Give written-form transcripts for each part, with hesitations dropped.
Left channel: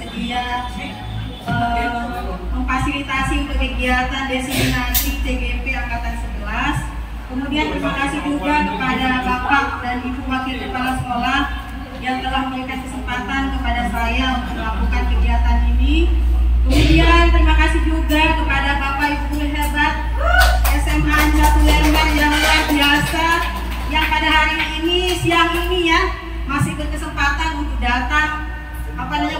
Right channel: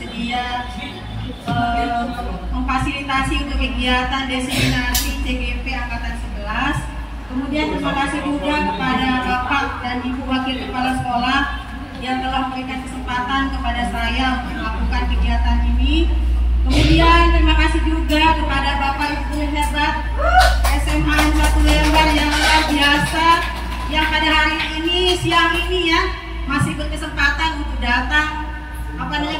bersedia memfasilitasi untuk kegiatan diseminasi CGP Angkatan 11. Kemudian terima kasih juga kepada Bapak dan Ibu Wakil Kepala Sekolah yang telah memberikan kesempatan kepada saya untuk melakukan kegiatan ini. Kemudian terima kasih juga kepada Bapak Ibu hebat SMA Batu Lembar yang luar biasa, yang pada hari ini, siang ini ya, masih berkesempatan untuk datang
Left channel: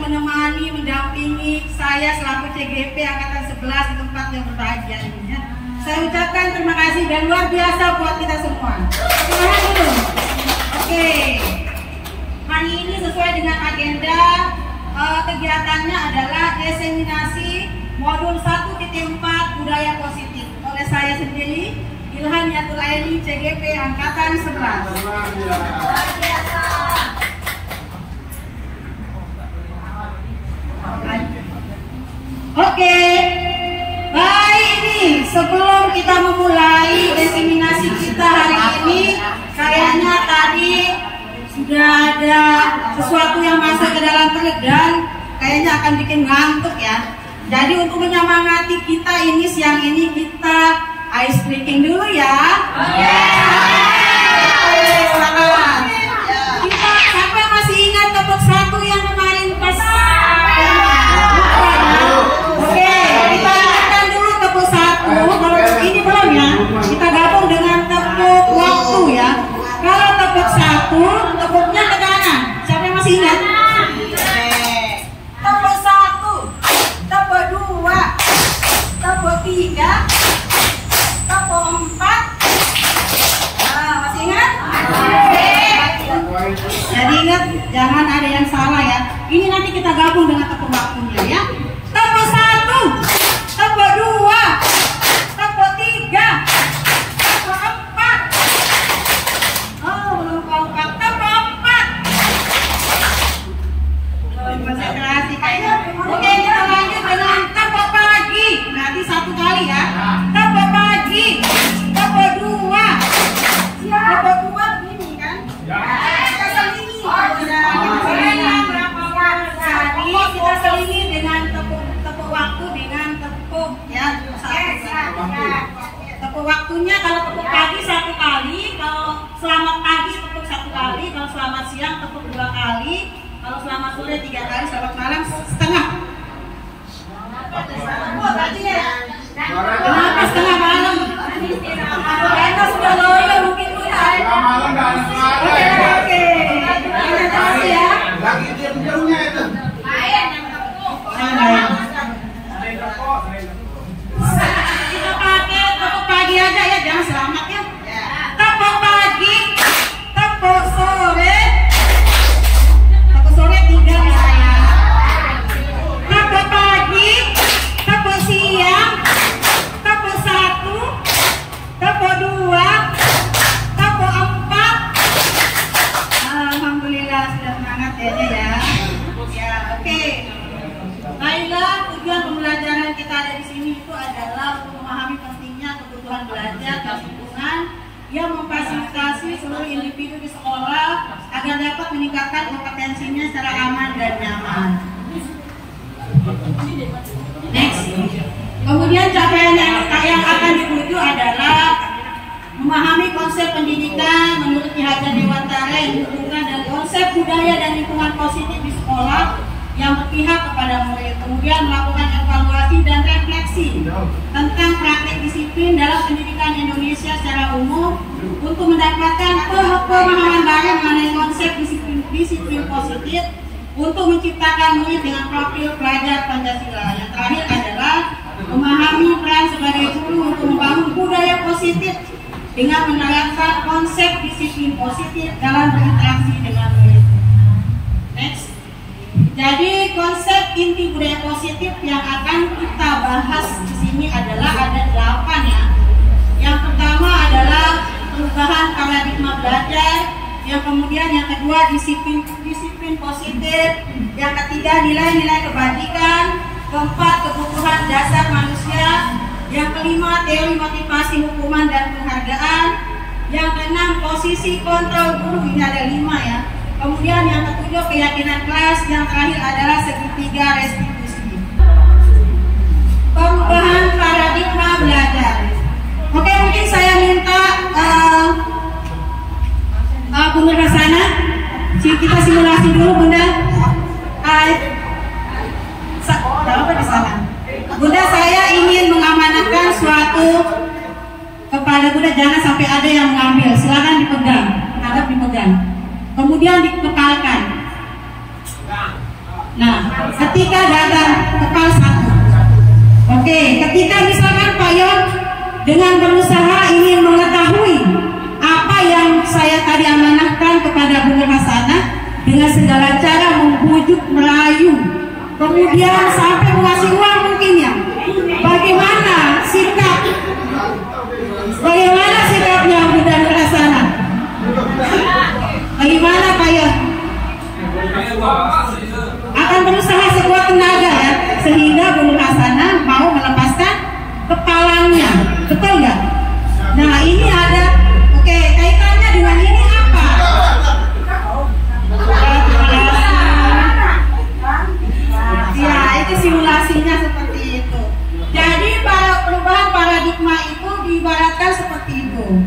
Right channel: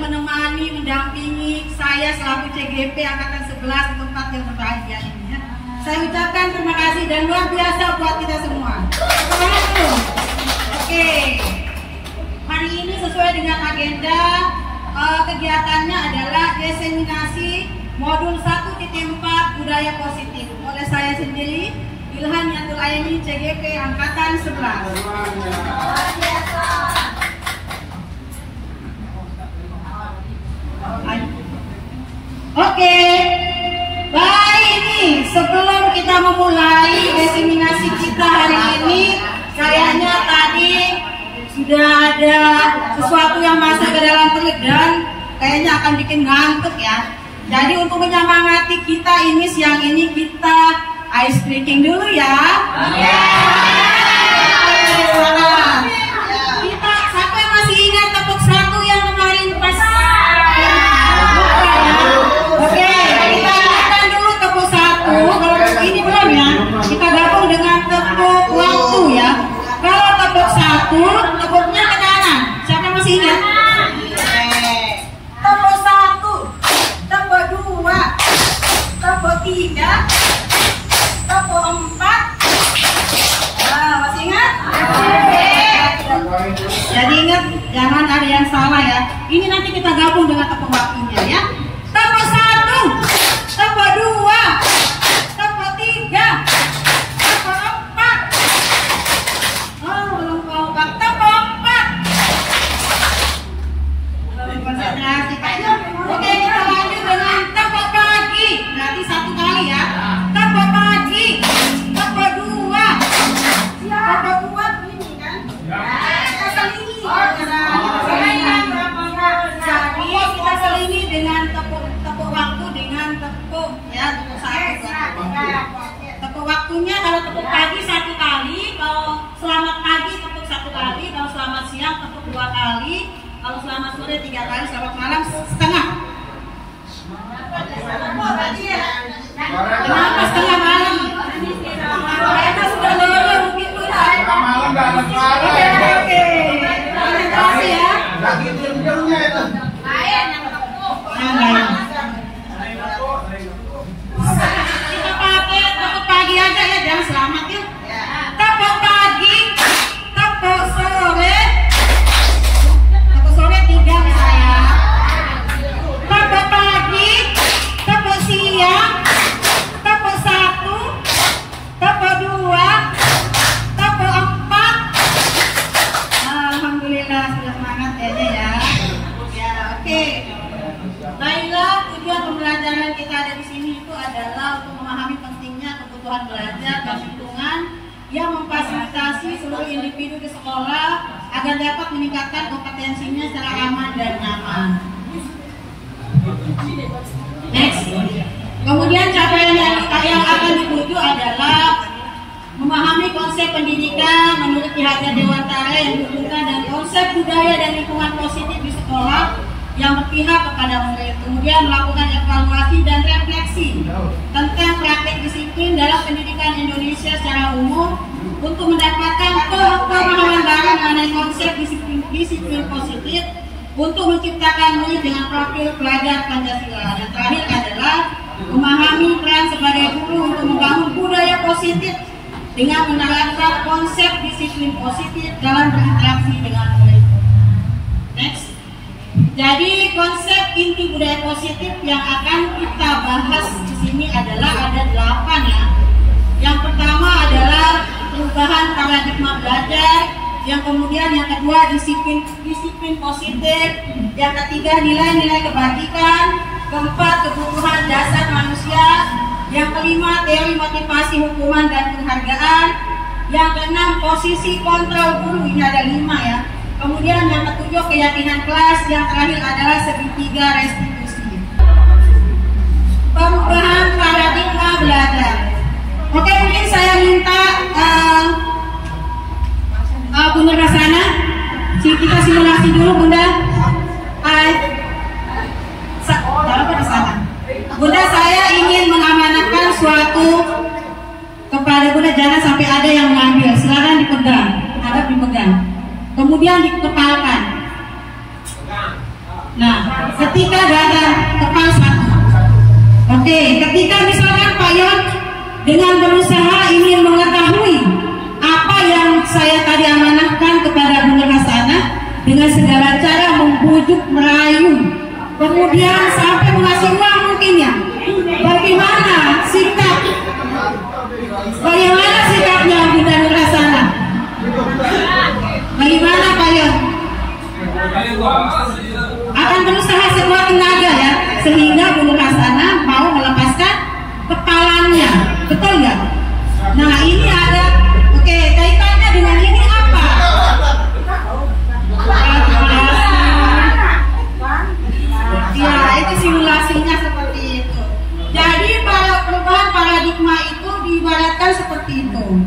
menemani, mendampingi saya selaku CGP Angkatan 11 di tempat yang berbahagia ini ya. Saya ucapkan terima kasih dan luar biasa buat kita semua. Oke. Hari ini sesuai dengan agenda kegiatannya adalah diseminasi modul 1.4 budaya positif oleh saya sendiri, Ilhan Yatul Aini, CGP Angkatan 11. Luar biasa. Oke, baik, ini sebelum kita memulai diseminasi kita hari ini, kayaknya tadi sudah ada sesuatu yang masuk ke dalam perut dan kayaknya akan bikin ngantuk ya. Jadi untuk menyemangati kita ini siang ini, kita ice breaking dulu ya. Kita siapa yang masih ingat tepuk satu yang kemarin pas? Oke, kita ingatkan dulu tepuk satu. Kalau ini belum ya, kita gabung dengan tepuk waktu ya. Kalau tepuk satu, tepuknya ke kanan. Siapa yang masih ingat? Tepuk satu, tepuk dua, tepuk tiga, tepuk empat. Nah, masih ingat? Jadi ingat, jangan ada yang salah ya. Ini nanti kita gabung dengan tepuk waktunya ya. Tepuk satu, tepuk dua, tepuk tiga, tepuk empat. Oh, belum kompak. Tepuk empat. Konsentrasi kayaknya. Oke, kita lanjut dengan tepuk pagi. Berarti satu kali ya. Tepuk pagi, tepuk dua, tepuk dua ini kan? Kita selingi. Jadi kita selingi dengan tepuk waktu dengan tepuk ya satu. Tepuk waktunya kalau tepuk pagi satu kali, kalau selamat pagi tepuk satu kali, kalau selamat siang tepuk dua kali, kalau selamat sore tiga kali, selamat malam setengah. Kenapa setengah malam? Kita sudah loyo mungkin setengah malam nggak ada suara. Oke. Terima kasih ya. Kita pakai tepuk pagi aja ya, jangan selamat ya. Tepuk pagi, tepuk sore tiga misalnya. Tepuk pagi, tepuk siang, tepuk satu, tepuk dua, tepuk empat. Alhamdulillah sudah semangat ya ya. Ya oke. Baiklah, tujuan pembelajaran kita ada di sini itu adalah untuk memahami pentingnya kebutuhan belajar dan lingkungan yang memfasilitasi seluruh individu di sekolah agar dapat meningkatkan kompetensinya secara aman dan nyaman. Next. Kemudian capaian yang akan dituju adalah memahami konsep pendidikan menurut Ki Hajar Dewantara yang dihubungkan dari konsep budaya dan lingkungan positif di sekolah yang berpihak kepada murid. Kemudian melakukan evaluasi dan refleksi tentang praktek disiplin dalam pendidikan Indonesia secara umum untuk mendapatkan pemahaman baru mengenai konsep disiplin positif untuk menciptakan murid dengan profil pelajar Pancasila. Yang terakhir adalah memahami peran sebagai guru untuk membangun budaya positif dengan menerapkan konsep disiplin positif dalam berinteraksi dengan murid. Next. Jadi konsep inti budaya positif yang akan kita bahas di sini adalah ada 8 ya. Yang pertama adalah perubahan paradigma belajar, yang kemudian yang kedua disiplin positif, yang ketiga nilai-nilai kebajikan, keempat kebutuhan dasar manusia, yang kelima teori motivasi hukuman dan penghargaan, yang keenam posisi kontrol guru, ini ada 5 ya. Kemudian yang ketujuh keyakinan kelas, yang terakhir adalah segitiga restitusi. Perubahan paradigma belajar. Oke, mungkin saya minta Bunda Rasana, kita simulasi dulu Bunda. Apa di sana? Bunda, saya ingin mengamanatkan suatu kepada Bunda, jangan sampai ada yang mengambil. Silakan dipegang, hadap dipegang. Kemudian dikepalkan. Nah, ketika datang kepal satu. Oke, ketika misalkan Pak Yon dengan berusaha ingin mengetahui apa yang saya tadi amanahkan kepada Bunda Hasana, dengan segala cara membujuk, merayu, kemudian sampai mengasih uang mungkin ya. Bagaimana sikapnya Bunda Hasana? Bagaimana Pak Yon? Akan berusaha sekuat tenaga ya, sehingga Bunda Hasana mau melepaskan kepalanya, betul nggak? Nah ini ada, oke, kaitannya dengan ini apa? Ya itu simulasinya seperti itu. Jadi perubahan paradigma itu diibaratkan seperti itu.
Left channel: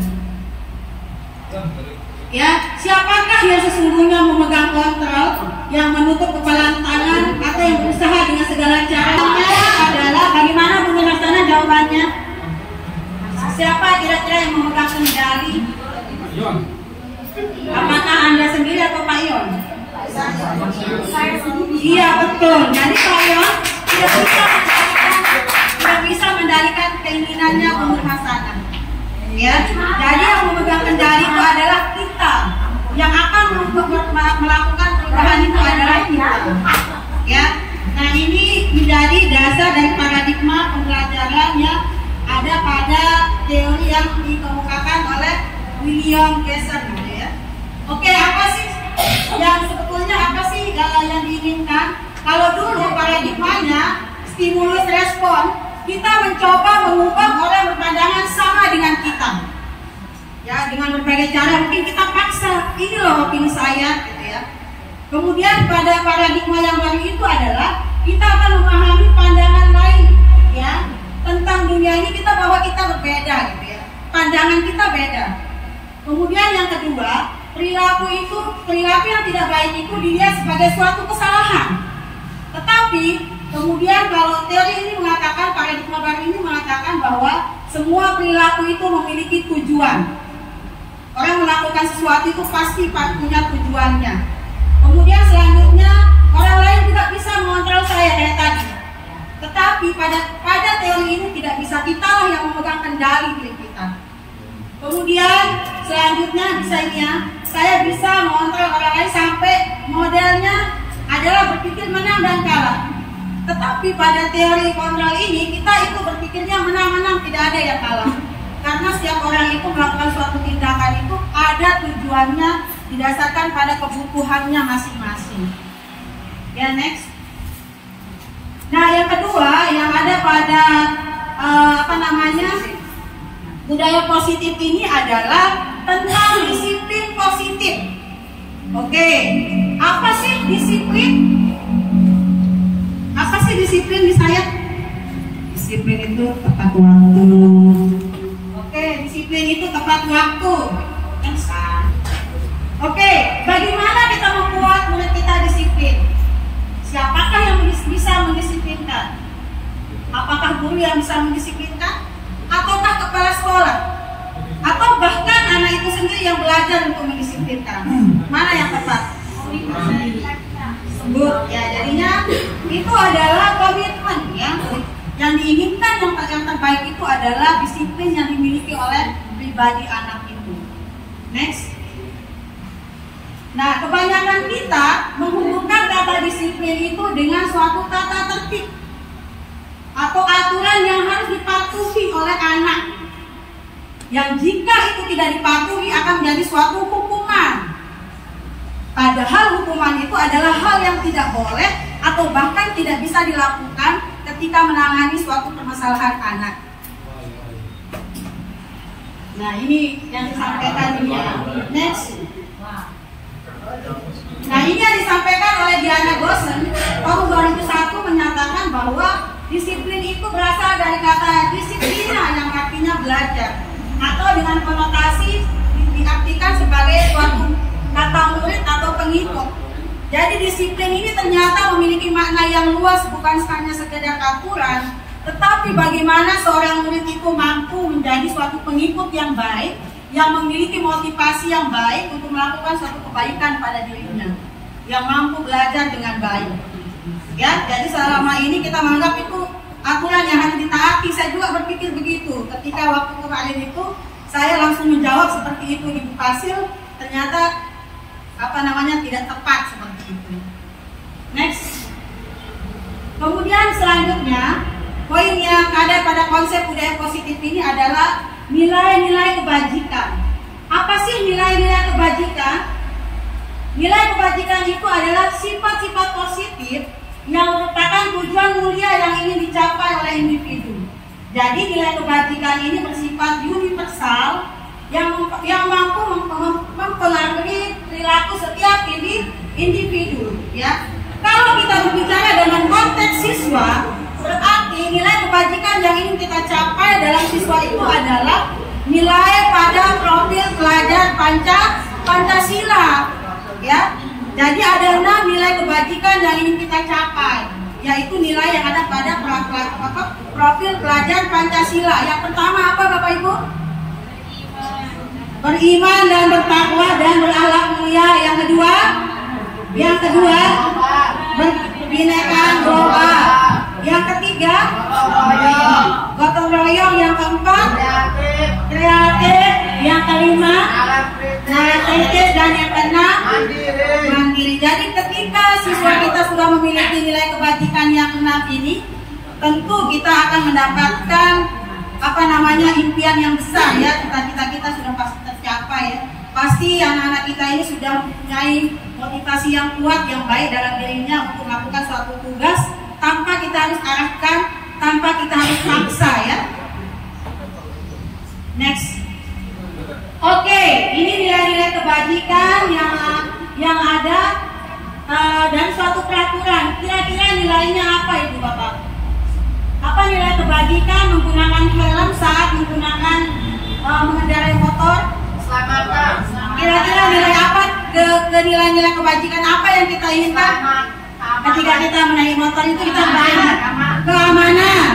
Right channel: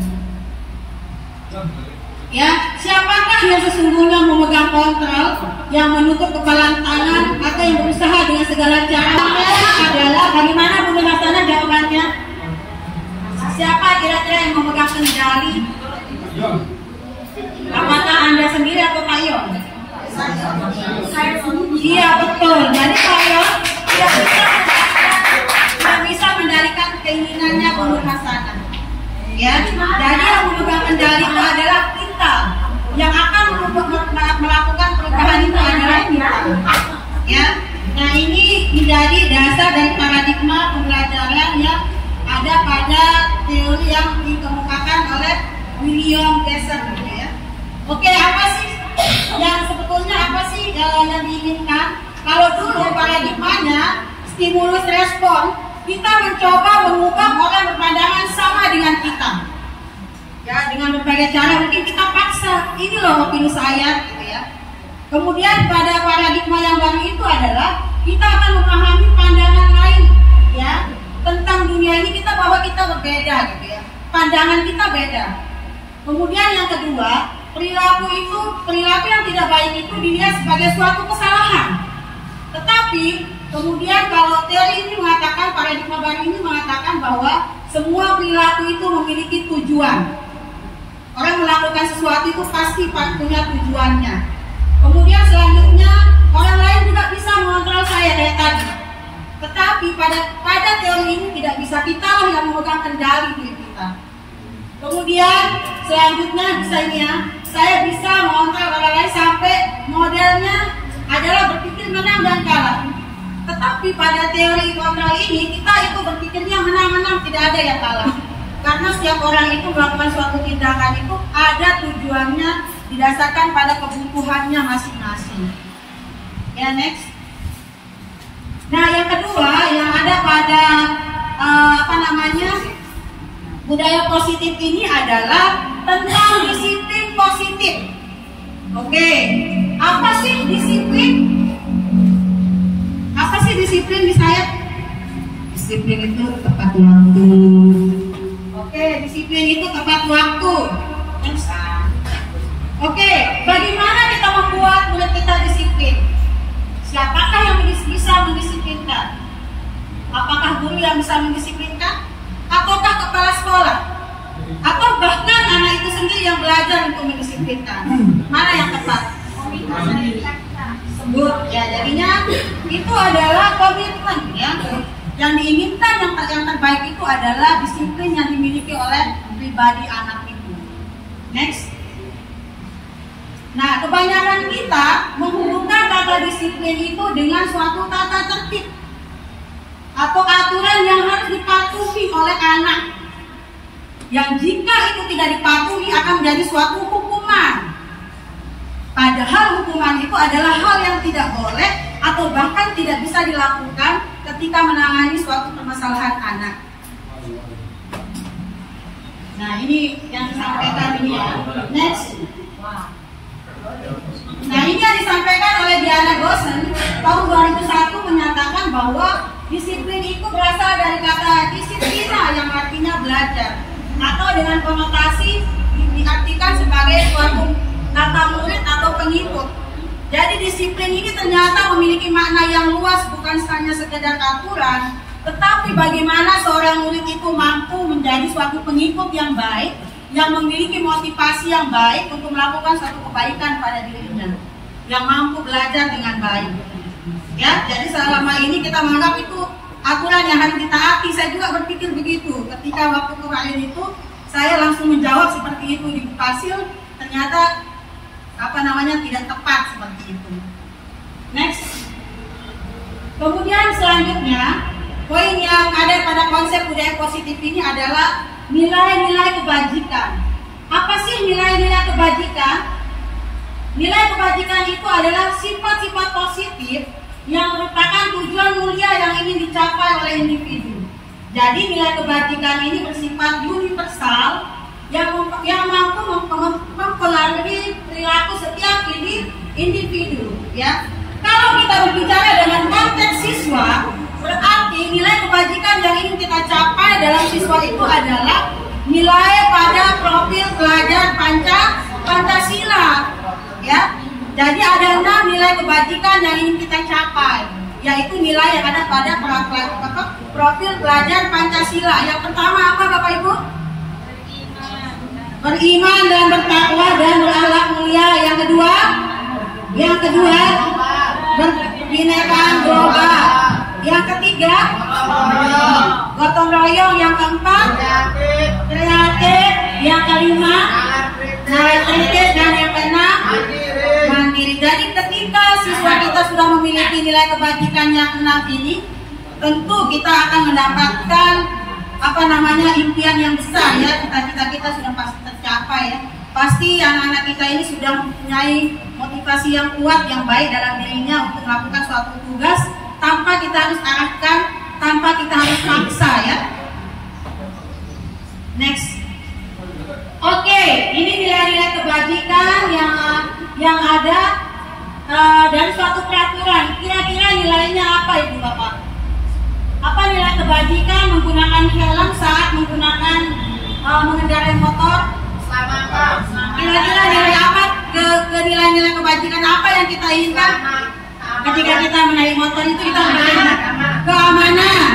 Ya, siapakah yang sesungguhnya memegang kontrol, yang menutup kepala tangan, atau yang berusaha dengan segala caranya adalah bagaimana Bunda Hasana jawabannya? Siapa kira-kira yang memegang kendali? Apakah Anda sendiri atau Pak Yon? Iya betul. Jadi Pak Yon tidak bisa mendalikan keinginannya Bunda Hasana. Ya, jadi yang memegang kendali itu adalah kita. Yang akan melakukan perubahan itu adalah kita. Ya, nah ini menjadi dasar dari paradigma pembelajaran yang ada pada teori yang dikemukakan oleh William Glasser, gitu ya. Oke, apa sih yang sebetulnya yang diinginkan? Kalau dulu paradigmanya stimulus respon, kita mencoba mengubah orang berpandangan sama dengan kita. Ya, dengan berbagai cara mungkin kita paksa, ini loh opini saya, gitu ya. Kemudian pada paradigma yang baru itu adalah kita akan memahami pandangan lain, ya, tentang dunia ini, kita bahwa kita berbeda, gitu ya. Pandangan kita beda. Kemudian yang kedua, perilaku yang tidak baik itu dilihat sebagai suatu kesalahan. Tetapi kemudian kalau teori ini mengatakan, paradigma baru ini mengatakan bahwa semua perilaku itu memiliki tujuan. Orang melakukan sesuatu itu pasti punya tujuannya. Kemudian selanjutnya orang lain juga bisa mengontrol saya kayak tadi. Tetapi pada teori ini tidak bisa, kita lah yang memegang kendali diri kita. Kemudian selanjutnya bisa ini ya, saya bisa mengontrol orang lain sampai modelnya adalah berpikir menang dan kalah. Tetapi pada teori kontrol ini kita itu berpikirnya menang-menang, tidak ada yang kalah. Karena setiap orang itu melakukan suatu tindakan itu ada tujuannya didasarkan pada kebutuhannya masing-masing. Ya, next. Nah, yang kedua yang ada pada budaya positif ini adalah tentang disiplin positif. Oke, apa sih disiplin? Apa sih disiplin di saya? Disiplin itu tepat waktu. Oke, disiplin itu tepat waktu. Oke, bagaimana kita membuat murid kita disiplin? Siapakah yang bisa mendisiplinkan? Apakah guru yang bisa mendisiplinkan? Ataukah kepala sekolah? Atau bahkan anak itu sendiri yang belajar untuk mendisiplinkan? Mana yang tepat? Sebut ya, jadinya itu adalah komitmen ya. Yang diinginkan yang terbaik itu adalah disiplin yang dimiliki oleh pribadi anak itu. Next. Nah, kebanyakan kita menghubungkan kata disiplin itu dengan suatu tata tertib atau aturan yang harus dipatuhi oleh anak, yang jika itu tidak dipatuhi akan menjadi suatu hukuman. Padahal hukuman itu adalah hal yang tidak boleh atau bahkan tidak bisa dilakukan ketika menangani suatu permasalahan anak. Nah, ini yang disampaikan ini ya. Next. Nah, ini yang disampaikan oleh Diana Gosen tahun 2001 menyatakan bahwa disiplin itu berasal dari kata disiplina yang artinya belajar, atau dengan konotasi diartikan sebagai suatu kata murid atau pengikut. Jadi disiplin ini ternyata memiliki makna yang luas, bukan hanya sekedar aturan, tetapi bagaimana seorang murid itu mampu menjadi suatu pengikut yang baik, yang memiliki motivasi yang baik untuk melakukan suatu kebaikan pada dirinya, yang mampu belajar dengan baik. Ya, jadi selama ini kita menganggap itu aturan yang harus ditaati. Saya juga berpikir begitu. Ketika waktu kemarin itu saya langsung menjawab seperti itu di Hasil, ternyata tidak tepat seperti itu. Next. Kemudian selanjutnya, poin yang ada pada konsep budaya positif ini adalah nilai-nilai kebajikan. Apa sih nilai-nilai kebajikan? Nilai kebajikan itu adalah sifat-sifat positif yang merupakan tujuan mulia yang ingin dicapai oleh individu. Jadi nilai kebajikan ini bersifat universal yang mampu mempengaruhi perilaku setiap individu. Ya, kalau kita berbicara dengan konteks siswa, berarti nilai kebajikan yang ingin kita capai dalam siswa itu adalah nilai pada profil pelajar Pancasila. Ya, jadi ada 6 nilai kebajikan yang ingin kita capai, yaitu nilai yang ada pada profil pelajar Pancasila. Yang pertama apa, Bapak Ibu? Beriman dan bertakwa dan berakhlak mulia. Yang kedua, berbinekaan global. Yang ketiga, gotong royong. Yang keempat, kreatif. Yang kelima, narratif. Dan yang keenam, mandiri. Jadi ketika siswa kita sudah memiliki nilai kebajikan yang 6 ini, tentu kita akan mendapatkan impian yang besar, ya. Cita-cita kita sudah pasti tercapai, ya. Pasti anak-anak kita ini sudah mempunyai motivasi yang kuat, yang baik dalam dirinya untuk melakukan suatu tugas tanpa kita harus arahkan, tanpa kita harus paksa, ya. Next. Oke, ini nilai-nilai kebajikan yang ada dari suatu peraturan. Kira-kira nilainya apa, Ibu Bapak? Apa nilai kebajikan menggunakan helm saat menggunakan mengendarai motor? Kira-kira nilai apa? Ke nilai-nilai kebajikan apa yang kita inginkan ketika kita menaiki motor itu? Kita bayar keamanan.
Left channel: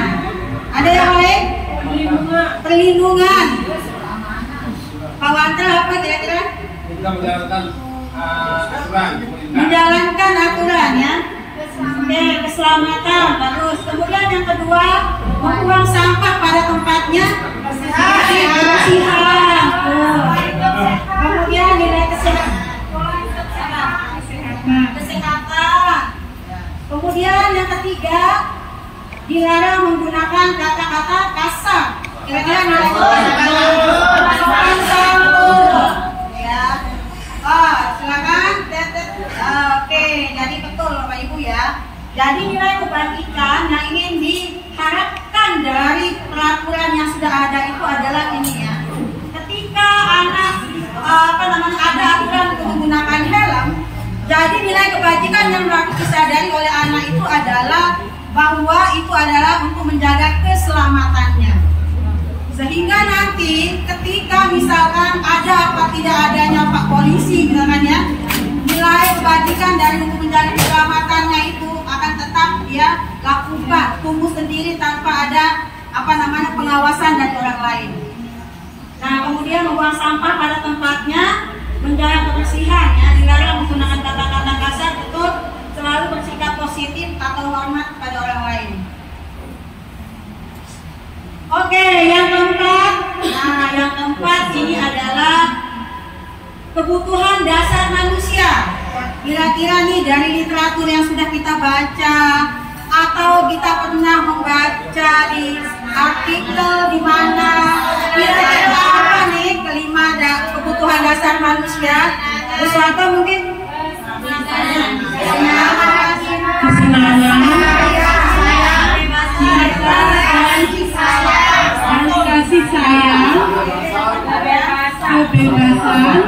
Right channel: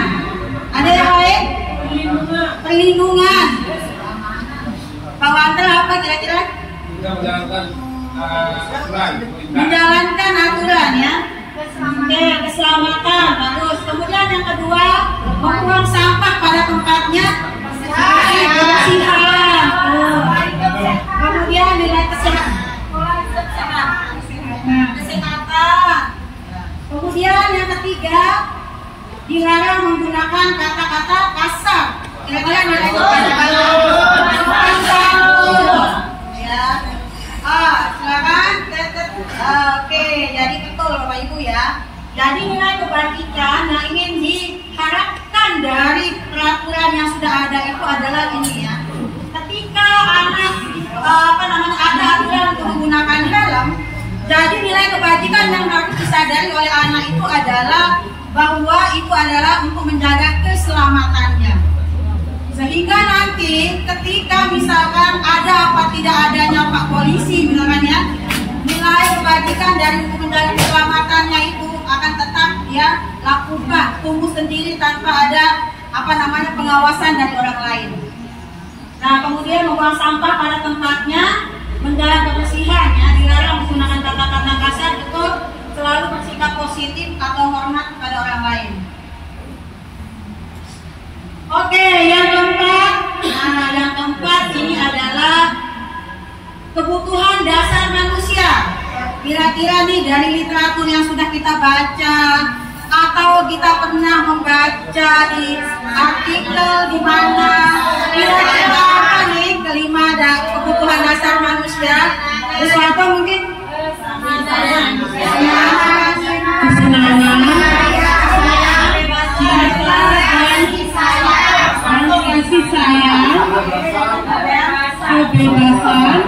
Ada yang lain? Perlindungan. Pak Wanter apa kira-kira? Menjalankan aturan, ya. Oke, keselamatan, bagus. Kemudian yang kedua, membuang sampah pada tempatnya, kebersihan. Kemudian nilai kesehatan. Kemudian yang ketiga, dilarang menggunakan kata-kata kasar. Kira-kira nilai silakan. Oke, jadi betul Bapak Ibu, ya. Jadi nilai kebajikan yang ingin diharapkan dari peraturan yang sudah ada itu adalah ini, ya. Ketika anak ada aturan untuk menggunakan helm, jadi nilai kebajikan yang harus disadari oleh anak itu adalah bahwa itu adalah untuk menjaga keselamatannya. Sehingga nanti ketika misalkan ada apa tidak adanya Pak Polisi misalkan, ya, nilai kebajikan dari untuk menjaga keselamatannya itu akan tetap dia lakukan, tumbuh sendiri tanpa ada pengawasan dari orang lain. Nah, kemudian membuang sampah pada tempatnya, menjaga kebersihan, ya, dilarang menggunakan kata-kata kasar, betul, selalu bersikap positif atau hormat kepada orang lain. Oke, yang keempat ini adalah kebutuhan dasar manusia. Kira-kira nih dari literatur yang sudah kita baca atau kita pernah membaca di artikel di mana, kira-kira apa nih kelima kebutuhan dasar manusia? Sesuatu mungkin kasih sayang, kebebasan,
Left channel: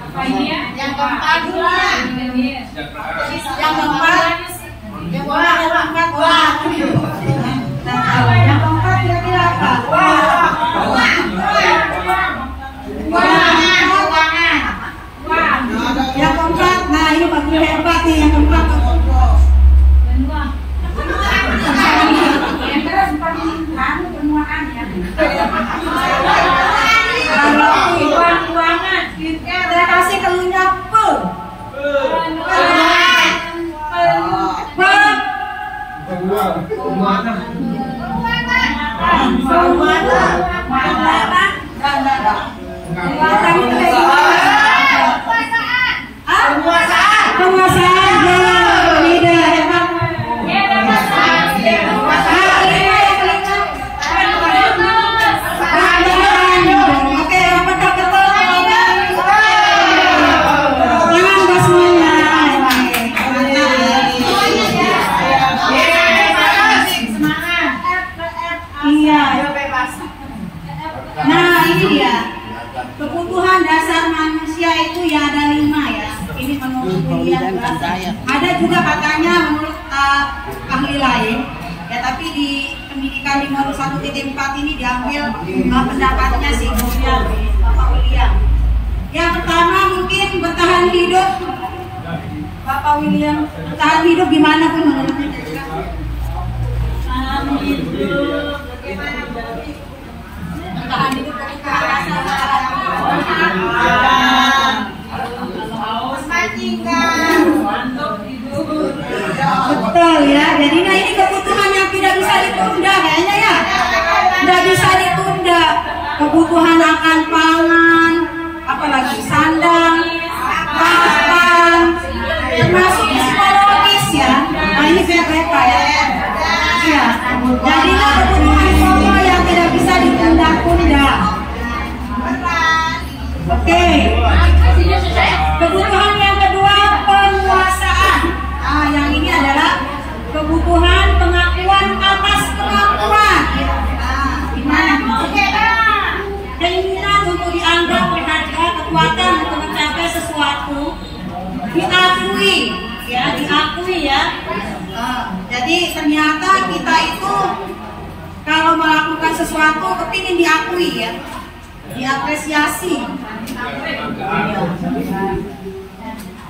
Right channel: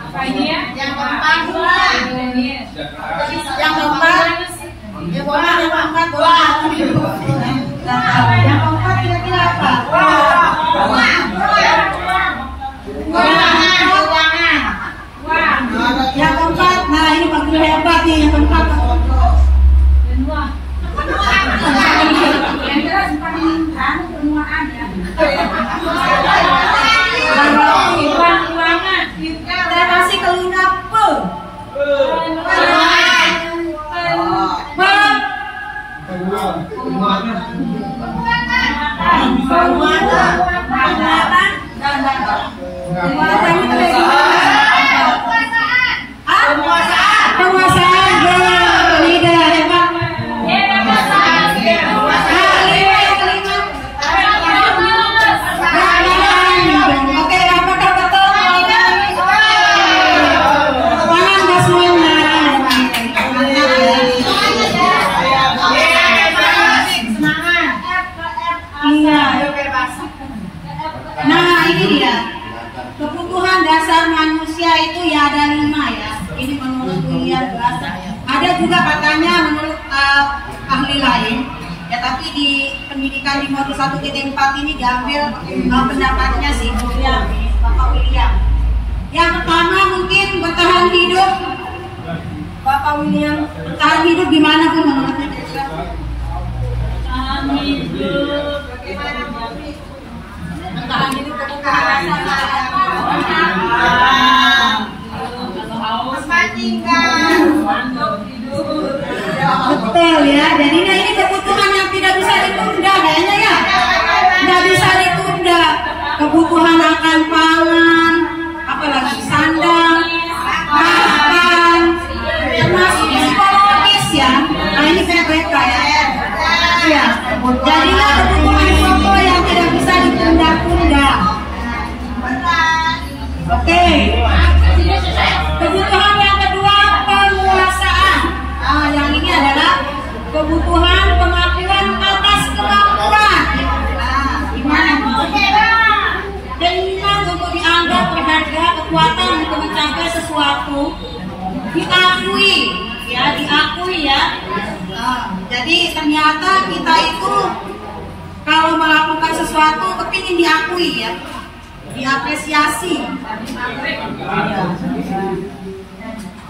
apa ini, ya? keempat kira-kira apa? Yang keempat, nah ini Pak Guru hebat nih, yang keempat. Saya kasih kelunak kebutuhan dasar manusia itu ya ada 5 ya. Ini menurut kuliah ada juga katanya menurut ahli lain ya, tapi di pendidikan di modul 1.4 ini diambil pendapatnya si William, Bapak William. Yang pertama mungkin bertahan hidup. Bapak William, bertahan hidup gimana pun menurutnya? Bertahan hidup bagaimana? Bertahan hidup kebutuhan dasar. Betul ya, jadi nah ini kebutuhan yang tidak bisa ditunda kayaknya ya, tidak bisa ditunda. Kebutuhan akan pangan, apalagi sandang, makan, termasuk psikologis ya. Nah ini PPK ya. Ya, jadilah kebutuhan pokok yang tidak bisa ditunda-tunda. Oke. Kebutuhan yang kedua penguasaan. Nah, yang ini adalah kebutuhan pengakuan atas kemampuan. Nah, gimana? Keinginan untuk dianggap berharga, kekuatan untuk mencapai sesuatu, diakui, ya, diakui ya. Nah, jadi ternyata kita itu kalau melakukan sesuatu kepingin diakui ya. Diapresiasi.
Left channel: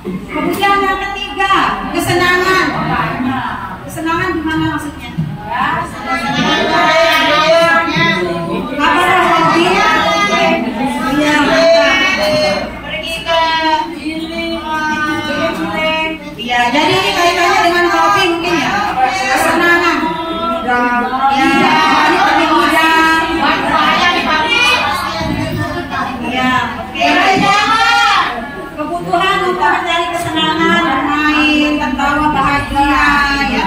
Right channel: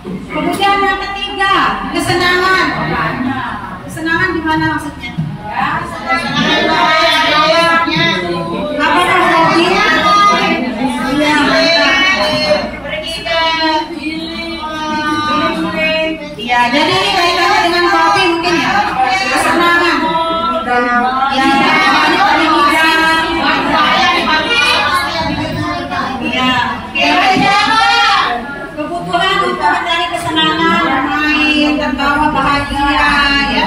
Kemudian yang ketiga, kesenangan. Kesenangan gimana maksudnya? Apa hobi? Iya, pergi ke healing. Iya, jadi ini kaitannya dengan hobi mungkin ya. Kesenangan. Ya, kebutuhan untuk mencari kesenangan, bermain, tertawa, bahagia ya.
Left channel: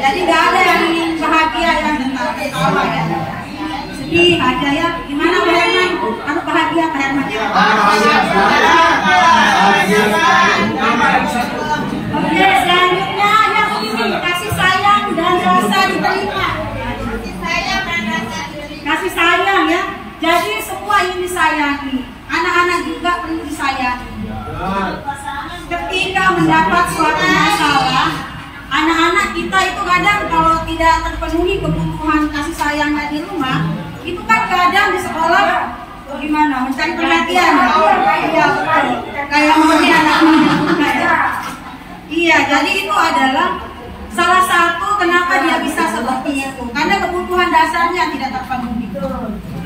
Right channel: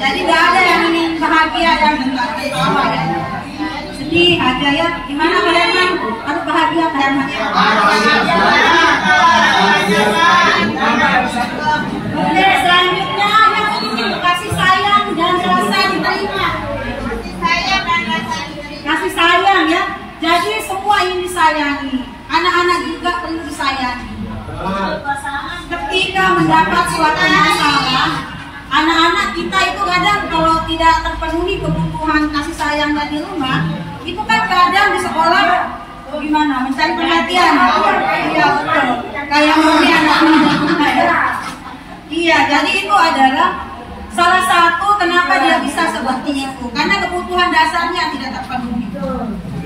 Jadi tidak ada yang ingin bahagia yang tertawa ya. Sedih aja ya. Gimana Pak Herman? Harus bahagia Pak Herman. Oke, selanjutnya ada kasih sayang dan rasa diterima. Kasih sayang ya. Jadi semua ingin disayangi. Anak-anak juga perlu disayangi. Ketika mendapat suatu masalah, anak-anak kita itu kadang kalau tidak terpenuhi kebutuhan kasih sayang dari rumah, itu kan kadang di sekolah gimana mencari perhatian. Iya betul. Kayak maunya anak-anak. Iya, jadi itu adalah salah satu kenapa dia bisa seperti itu, karena kebutuhan dasarnya tidak terpenuhi.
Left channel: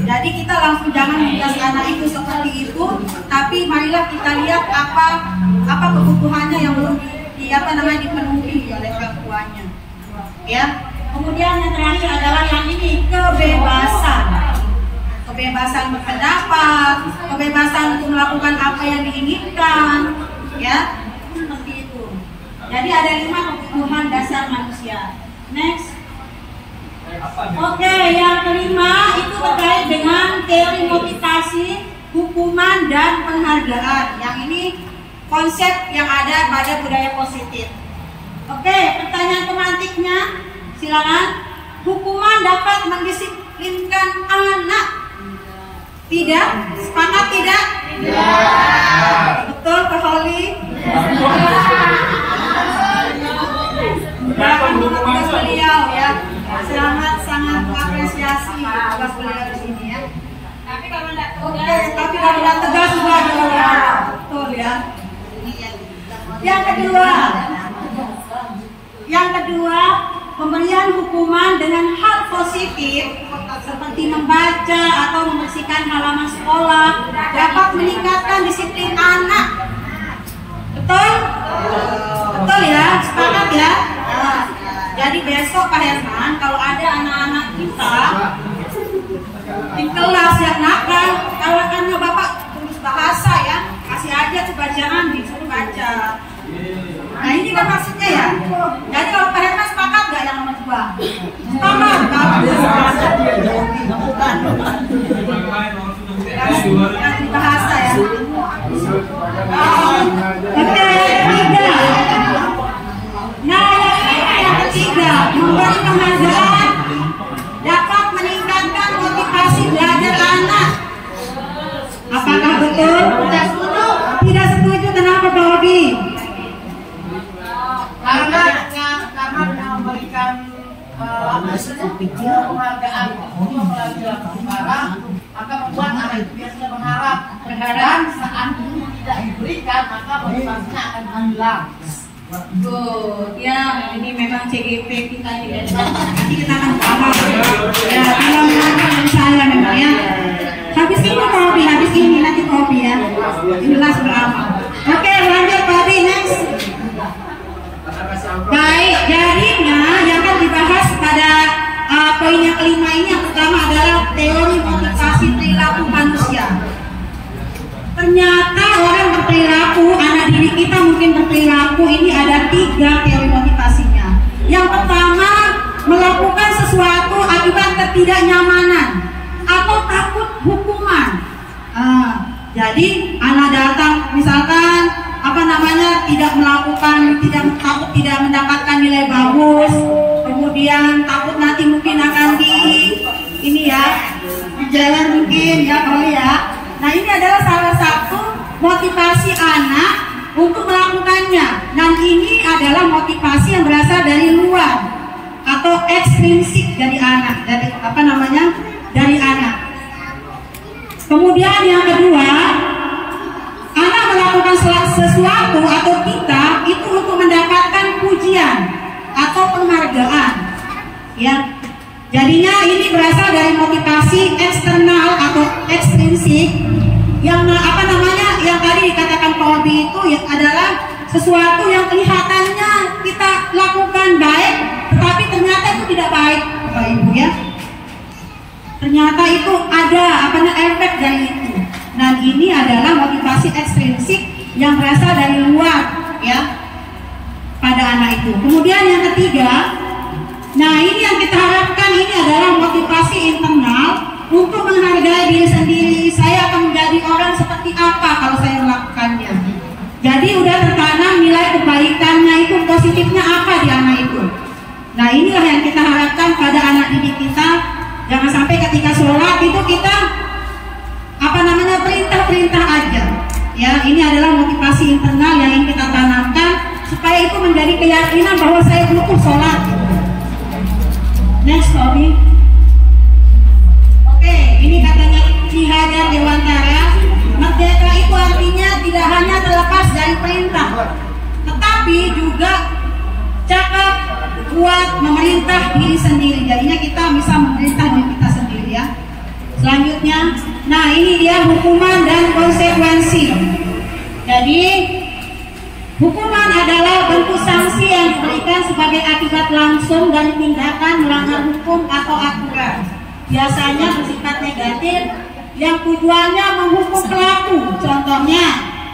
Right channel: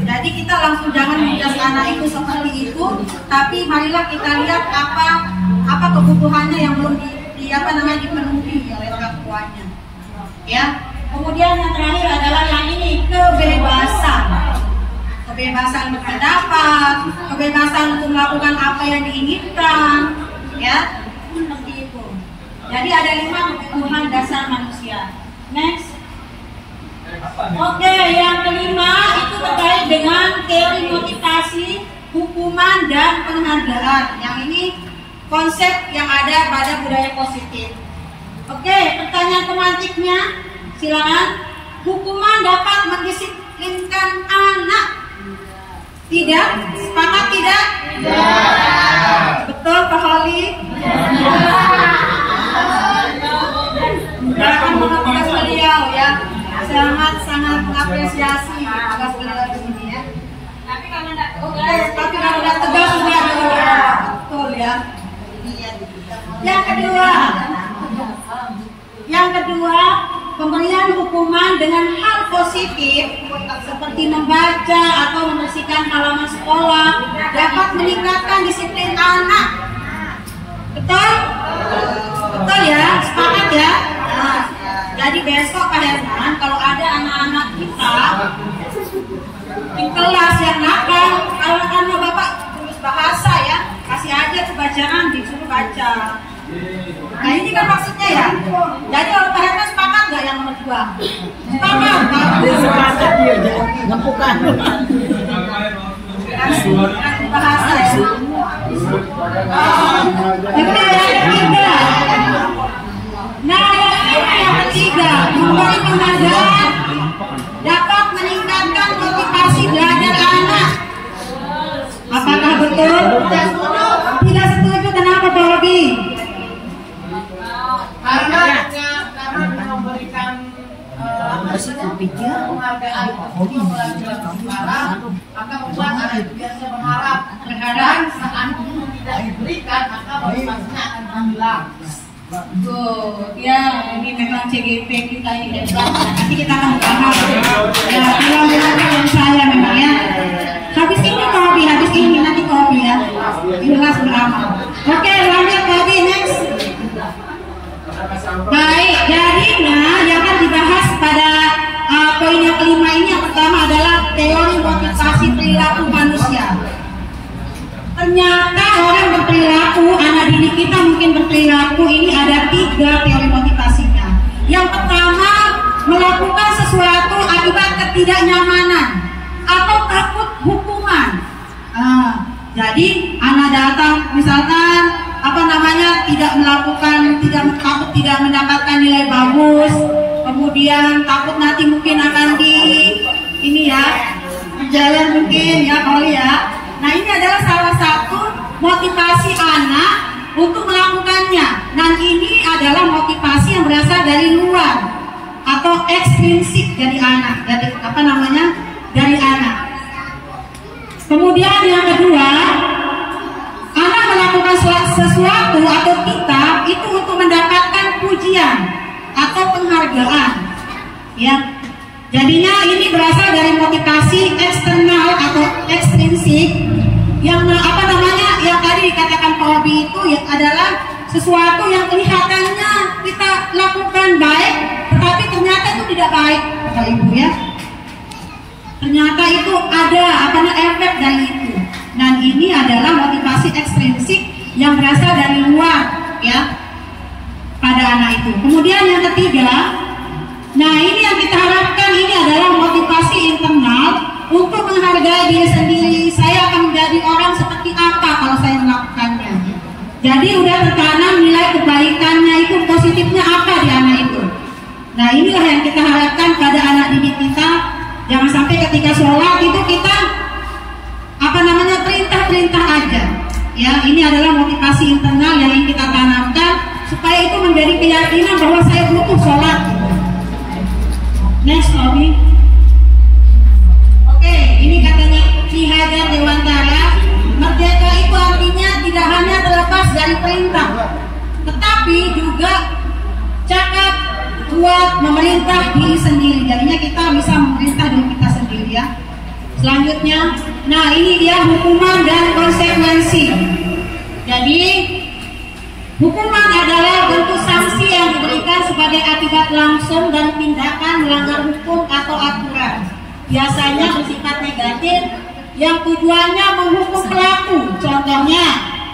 Jadi kita langsung jangan menjudge anak itu seperti itu, tapi marilah kita lihat apa kebutuhannya yang belum dipenuhi oleh orang tuanya. Ya. Kemudian yang terakhir adalah yang ini, kebebasan. Kebebasan berpendapat, kebebasan untuk melakukan apa yang diinginkan, ya. Seperti itu. Jadi ada 5 kebutuhan dasar manusia. Next. Oke, yang kelima itu terkait dengan teori motivasi, hukuman, dan penghargaan. Yang ini konsep yang ada pada budaya positif. Oke, pertanyaan tematiknya, silakan. Hukuman dapat mendisiplinkan anak. Tidak? Sepakat tidak? Tidak. Betul, Pak Holly. apresiasi atas beliau di sini ya. Tapi kalau nggak tegas juga betul ya. Yang kedua, pemberian hukuman dengan hal positif seperti membaca atau membersihkan halaman sekolah dapat meningkatkan disiplin anak. Betul? Betul ya, sepakat ya. Nah, jadi besok Pak Herman, kalau ada anak-anak kita di kelas yang nakal, kalau karena Bapak tulis bahasa ya, kasih aja tuh bacaan, disuruh baca. Nah ini kan maksudnya ya. Jadi kalau Pak Herman sepakat gak yang nomor 2? Sepakat. Bukan. Bahasa ya. Oke, yang ketiga. Nah, yang ketiga, memberi penghargaan dapat meningkatkan motivasi belajar anak. Apakah betul? Tidak setuju, kenapa Pak Robi? Karena memberikan penghargaan untuk pelajar sekarang, maka membuat anak itu biasa berharap saat itu tidak diberikan, maka motivasinya akan hilang. Ya, ini memang CGP kita ini hebat. Nanti kita akan bahas. Ya, yang saya memang ya. Habis ini nanti kopi ya. Jelas lama. Oke, lanjut Pak next. Baik, jadinya yang akan dibahas pada poin yang kelima ini, yang pertama adalah teori motivasi perilaku manusia. Ternyata orang berperilaku, anak didik kita mungkin berperilaku, ini ada 3 teori motivasinya. Yang pertama, melakukan sesuatu akibat ketidaknyamanan atau takut hukuman. Jadi anak datang misalkan tidak melakukan, takut tidak mendapatkan nilai bagus, kemudian takut nanti mungkin akan di jalan mungkin ya Pak ya. Nah ini adalah salah satu motivasi anak untuk melakukannya. Dan ini adalah motivasi yang berasal dari luar atau ekstrinsik dari anak, dari anak. Kemudian yang kedua, anak melakukan sesuatu atau kita itu untuk mendapatkan pujian atau penghargaan, ya. Jadinya ini berasal dari motivasi eksternal atau ekstrinsik yang yang tadi dikatakan Pak Obi itu ya adalah sesuatu yang kelihatannya kita lakukan baik, tetapi ternyata itu tidak baik, Bapak Ibu ya. Ternyata itu ada efek dari itu. Dan ini adalah motivasi ekstrinsik yang berasal dari luar ya pada anak itu. Kemudian yang ketiga, nah ini yang kita harapkan, ini adalah motivasi internal untuk menghargai diri sendiri. Saya akan menjadi orang seperti apa kalau saya melakukannya. Jadi udah tertanam nilai kebaikannya itu, positifnya apa di anak itu. Nah inilah yang kita harapkan pada anak didik kita. Jangan sampai ketika sholat itu kita perintah-perintah aja. Ya, ini adalah motivasi internal yang ingin kita tanamkan supaya itu menjadi keyakinan bahwa saya butuh sholat. Next, Obi. Oke, ini katanya Ki Hajar Dewantara, merdeka itu artinya tidak hanya terlepas dari perintah, tetapi juga cakap buat memerintah diri sendiri. Jadinya kita bisa memerintah diri kita sendiri ya. Selanjutnya, nah ini dia hukuman dan konsekuensi. Jadi hukuman adalah bentuk sanksi yang diberikan sebagai akibat langsung dari tindakan melanggar hukum atau aturan. Biasanya bersifat negatif yang tujuannya menghukum pelaku, contohnya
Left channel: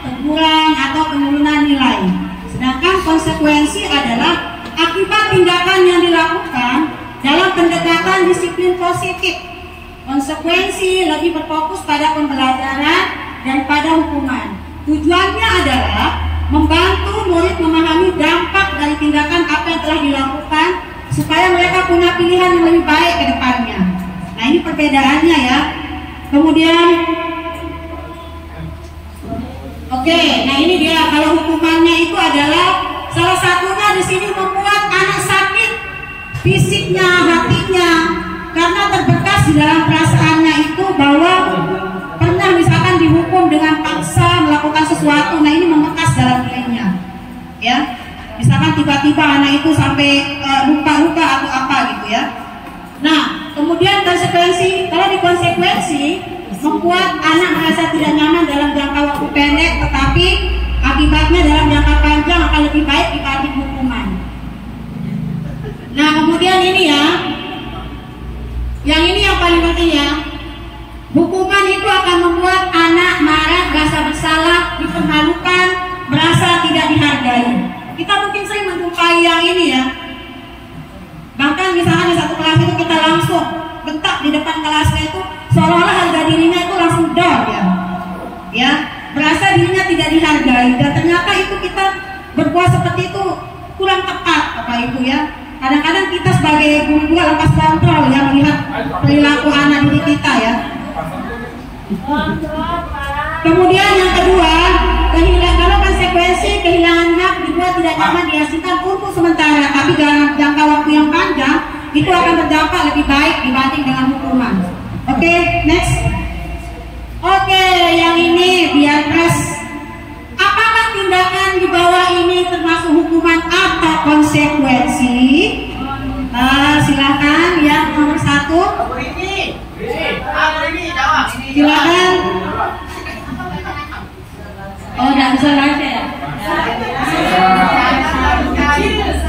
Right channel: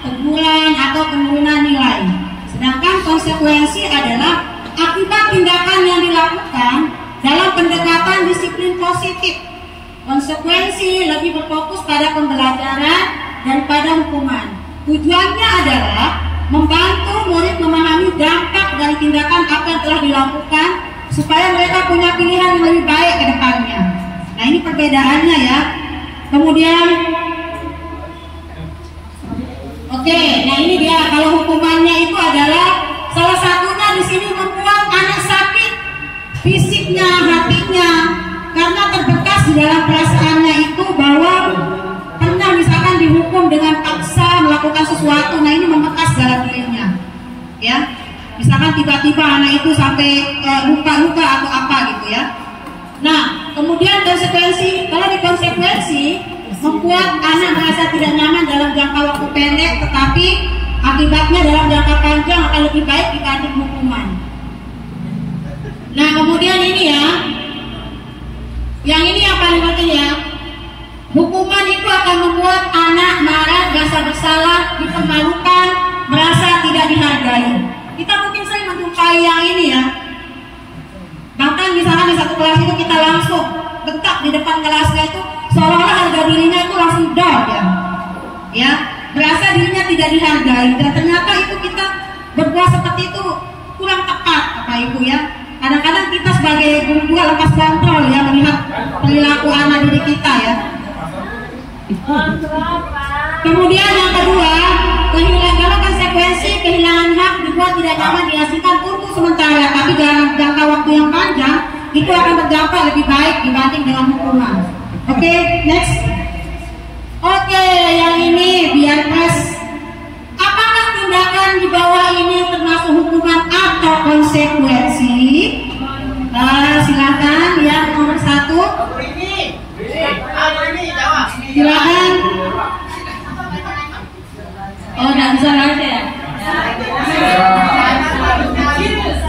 teguran atau penurunan nilai. Sedangkan konsekuensi adalah akibat tindakan yang dilakukan dalam pendekatan disiplin positif. Konsekuensi lebih berfokus pada pembelajaran daripada hukuman. Tujuannya adalah membantu murid memahami dampak dari tindakan apa yang telah dilakukan supaya mereka punya pilihan yang lebih baik ke depannya. Nah ini perbedaannya ya. Kemudian nah ini dia, kalau hukumannya itu adalah salah satunya di sini membuat anak sakit fisiknya, hatinya, karena menghukum dengan paksa melakukan sesuatu. Nah ini membekas dalam dirinya, ya. Misalkan tiba-tiba anak itu sampai luka-luka atau apa gitu ya. Nah kemudian konsekuensi, kalau dikonsekuensi membuat anak merasa tidak nyaman dalam jangka waktu pendek, tetapi akibatnya dalam jangka panjang akan lebih baik dibanding hukuman. Nah kemudian ini ya, yang ini yang paling penting ya, hukuman itu akan membuat anak marah, merasa bersalah, dipermalukan, merasa tidak dihargai. Kita mungkin sering menjumpai yang ini ya. Bahkan misalnya di satu kelas itu kita langsung bentak di depan kelasnya itu seolah-olah harga dirinya itu langsung down ya, berasa dirinya tidak dihargai, dan ternyata itu kita berbuat seperti itu kurang tepat Bapak Ibu ya. Kadang-kadang kita sebagai guru juga lepas kontrol ya melihat perilaku anak didik kita ya. Kemudian yang kedua, kehilangan konsekuensi kehilangan hak dibuat tidak dapat dihasilkan untuk sementara, tapi dalam jangka waktu yang panjang itu akan berdampak lebih baik dibanding dengan hukuman. Oke, next. Oke, yang ini biar pas. Apakah tindakan di bawah ini termasuk hukuman atau konsekuensi? Silakan yang nomor 1. Silakan. Oh, tidak bisa baca ya?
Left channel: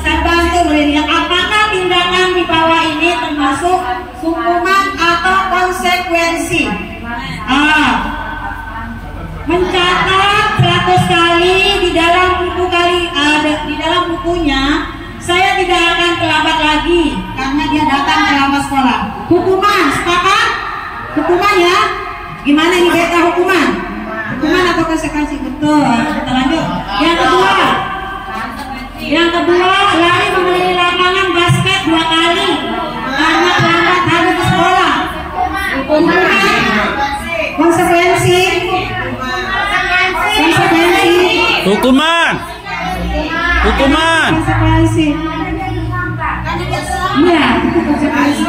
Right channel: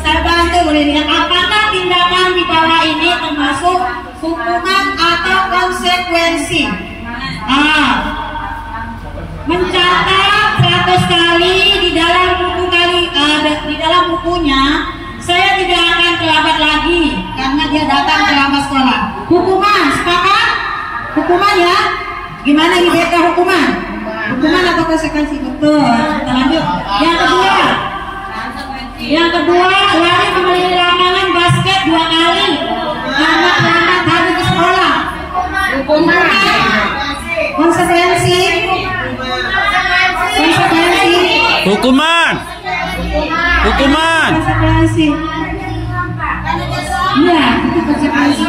Saya bantu boleh lihat. Apakah tindakan di bawah ini termasuk hukuman atau konsekuensi? Mencatat 100 kali di dalam bukunya. Saya tidak akan terlambat lagi karena dia datang terlambat sekolah. Hukuman, sepakat? Hukuman ya? Gimana ini beda hukuman? Hukuman atau konsekuensi? Betul. Kita lanjut. Yang kedua, lari mengelilingi lapangan basket 2 kali karena terlambat habis di sekolah. Hukuman. Konsekuensi. Hukuman. Konsekuensi. Iya, itu konsekuensi.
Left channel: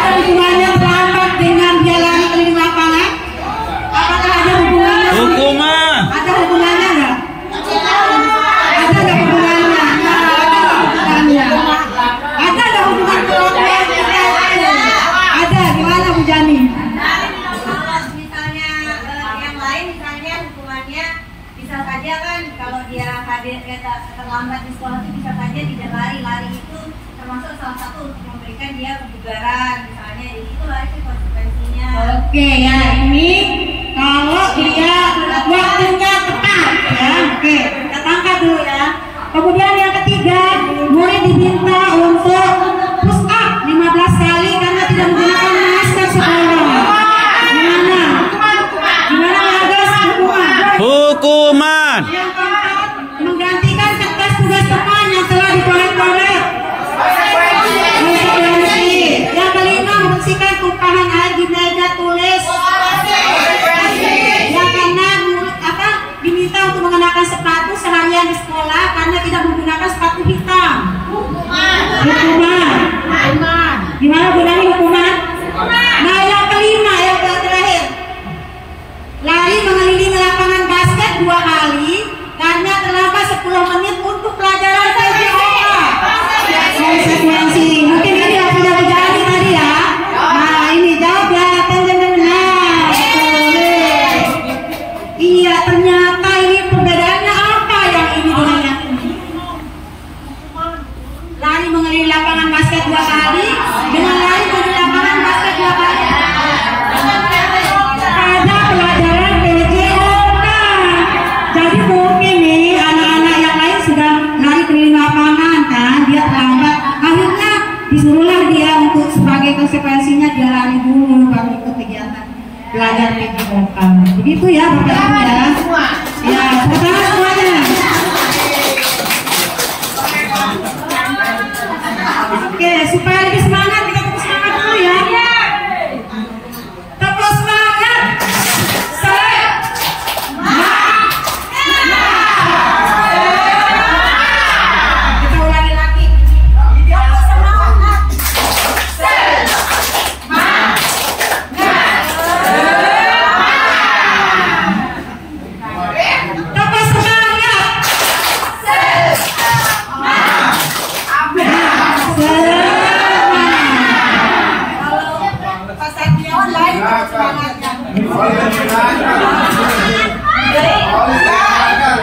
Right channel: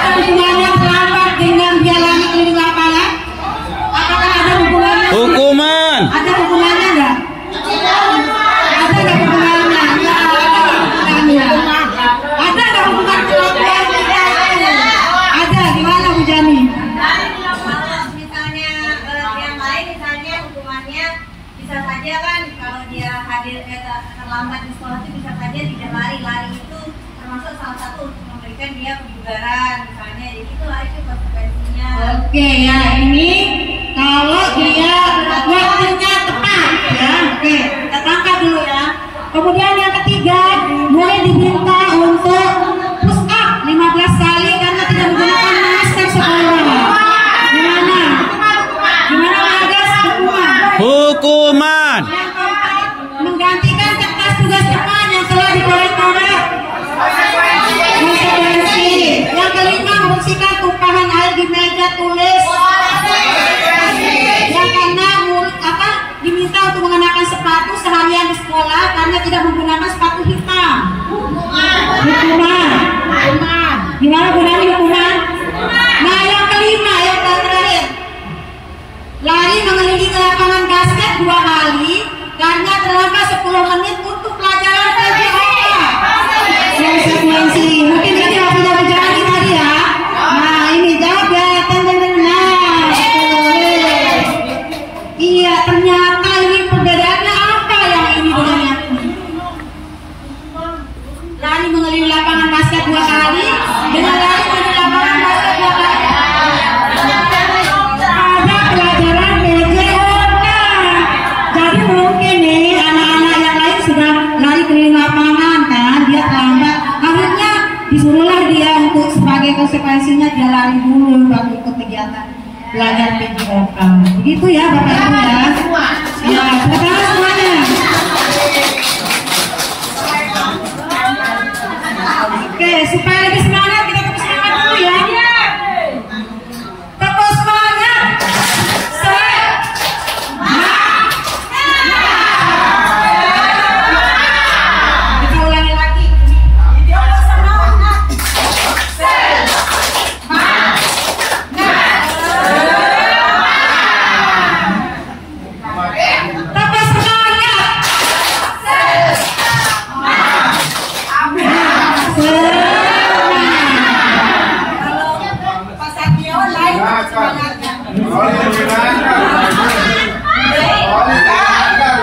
Ada hubungannya terlambat dengan dia lari keliling lapangan? Apakah ada hubungannya? Hukuman. Ada hubungannya enggak? Ada enggak hubungannya? Ada enggak hubungan kelakuan kita? Ada, gimana Bu Jani? Misalnya yang lain, misalnya hukumannya bisa saja kan kalau dia hadir terlambat di sekolah itu bisa saja tidak lari itu termasuk salah satu untuk memberikan dia kebugaran misalnya, jadi itu lari itu konsekuensinya. Oke ya, ini kalau dia waktunya tepat ya. Oke, kita tangkap dulu ya. Kemudian yang ketiga, mulai diminta untuk push up 15 kali karena tidak menggunakan masker sekolah. Gimana ada hukuman? Hukuman. Yang keempat, menggantikan kertas tugas teman yang telah dikorek-korek. Konsekuensi. Yang kelima, membersihkan tumpahan air di meja tulis. Yang keenam, diminta untuk mengenakan sepatu seharian di sekolah karena tidak menggunakan sepatu hitam. Hukuman. Gimana gunanya hukuman? Nah yang kelima, yang terakhir, lari mengelilingi lapangan basket 2 kali karena terlambat 10 menit untuk pelajaran PJOK. Konsekuensi. Mungkin ini yang sudah bicara tadi ya. Nah ini jawab ya. Nah boleh. Iya, ternyata ini perbedaannya apa yang ini dengan yang ini? Lari mengelilingi lapangan basket 2 kali dengan lari mengelilingi lapangan basket 2 kali. Ada pelajaran PJOK. Jadi mungkin nih anak-anak yang lain sudah lari keliling lapangan kan, dia terlambat. Akhirnya disuruhlah dia untuk sebagai konsekuensinya dia lari dulu baru ikut kegiatan belajar PJOK. Begitu ya Bapak Ibu ya. Ya, sekarang semuanya. Oke, supaya lebih semangat kita tepuk semangat dulu ya. Tepuk semangat. Kita ulangi lagi. Tepuk semangat.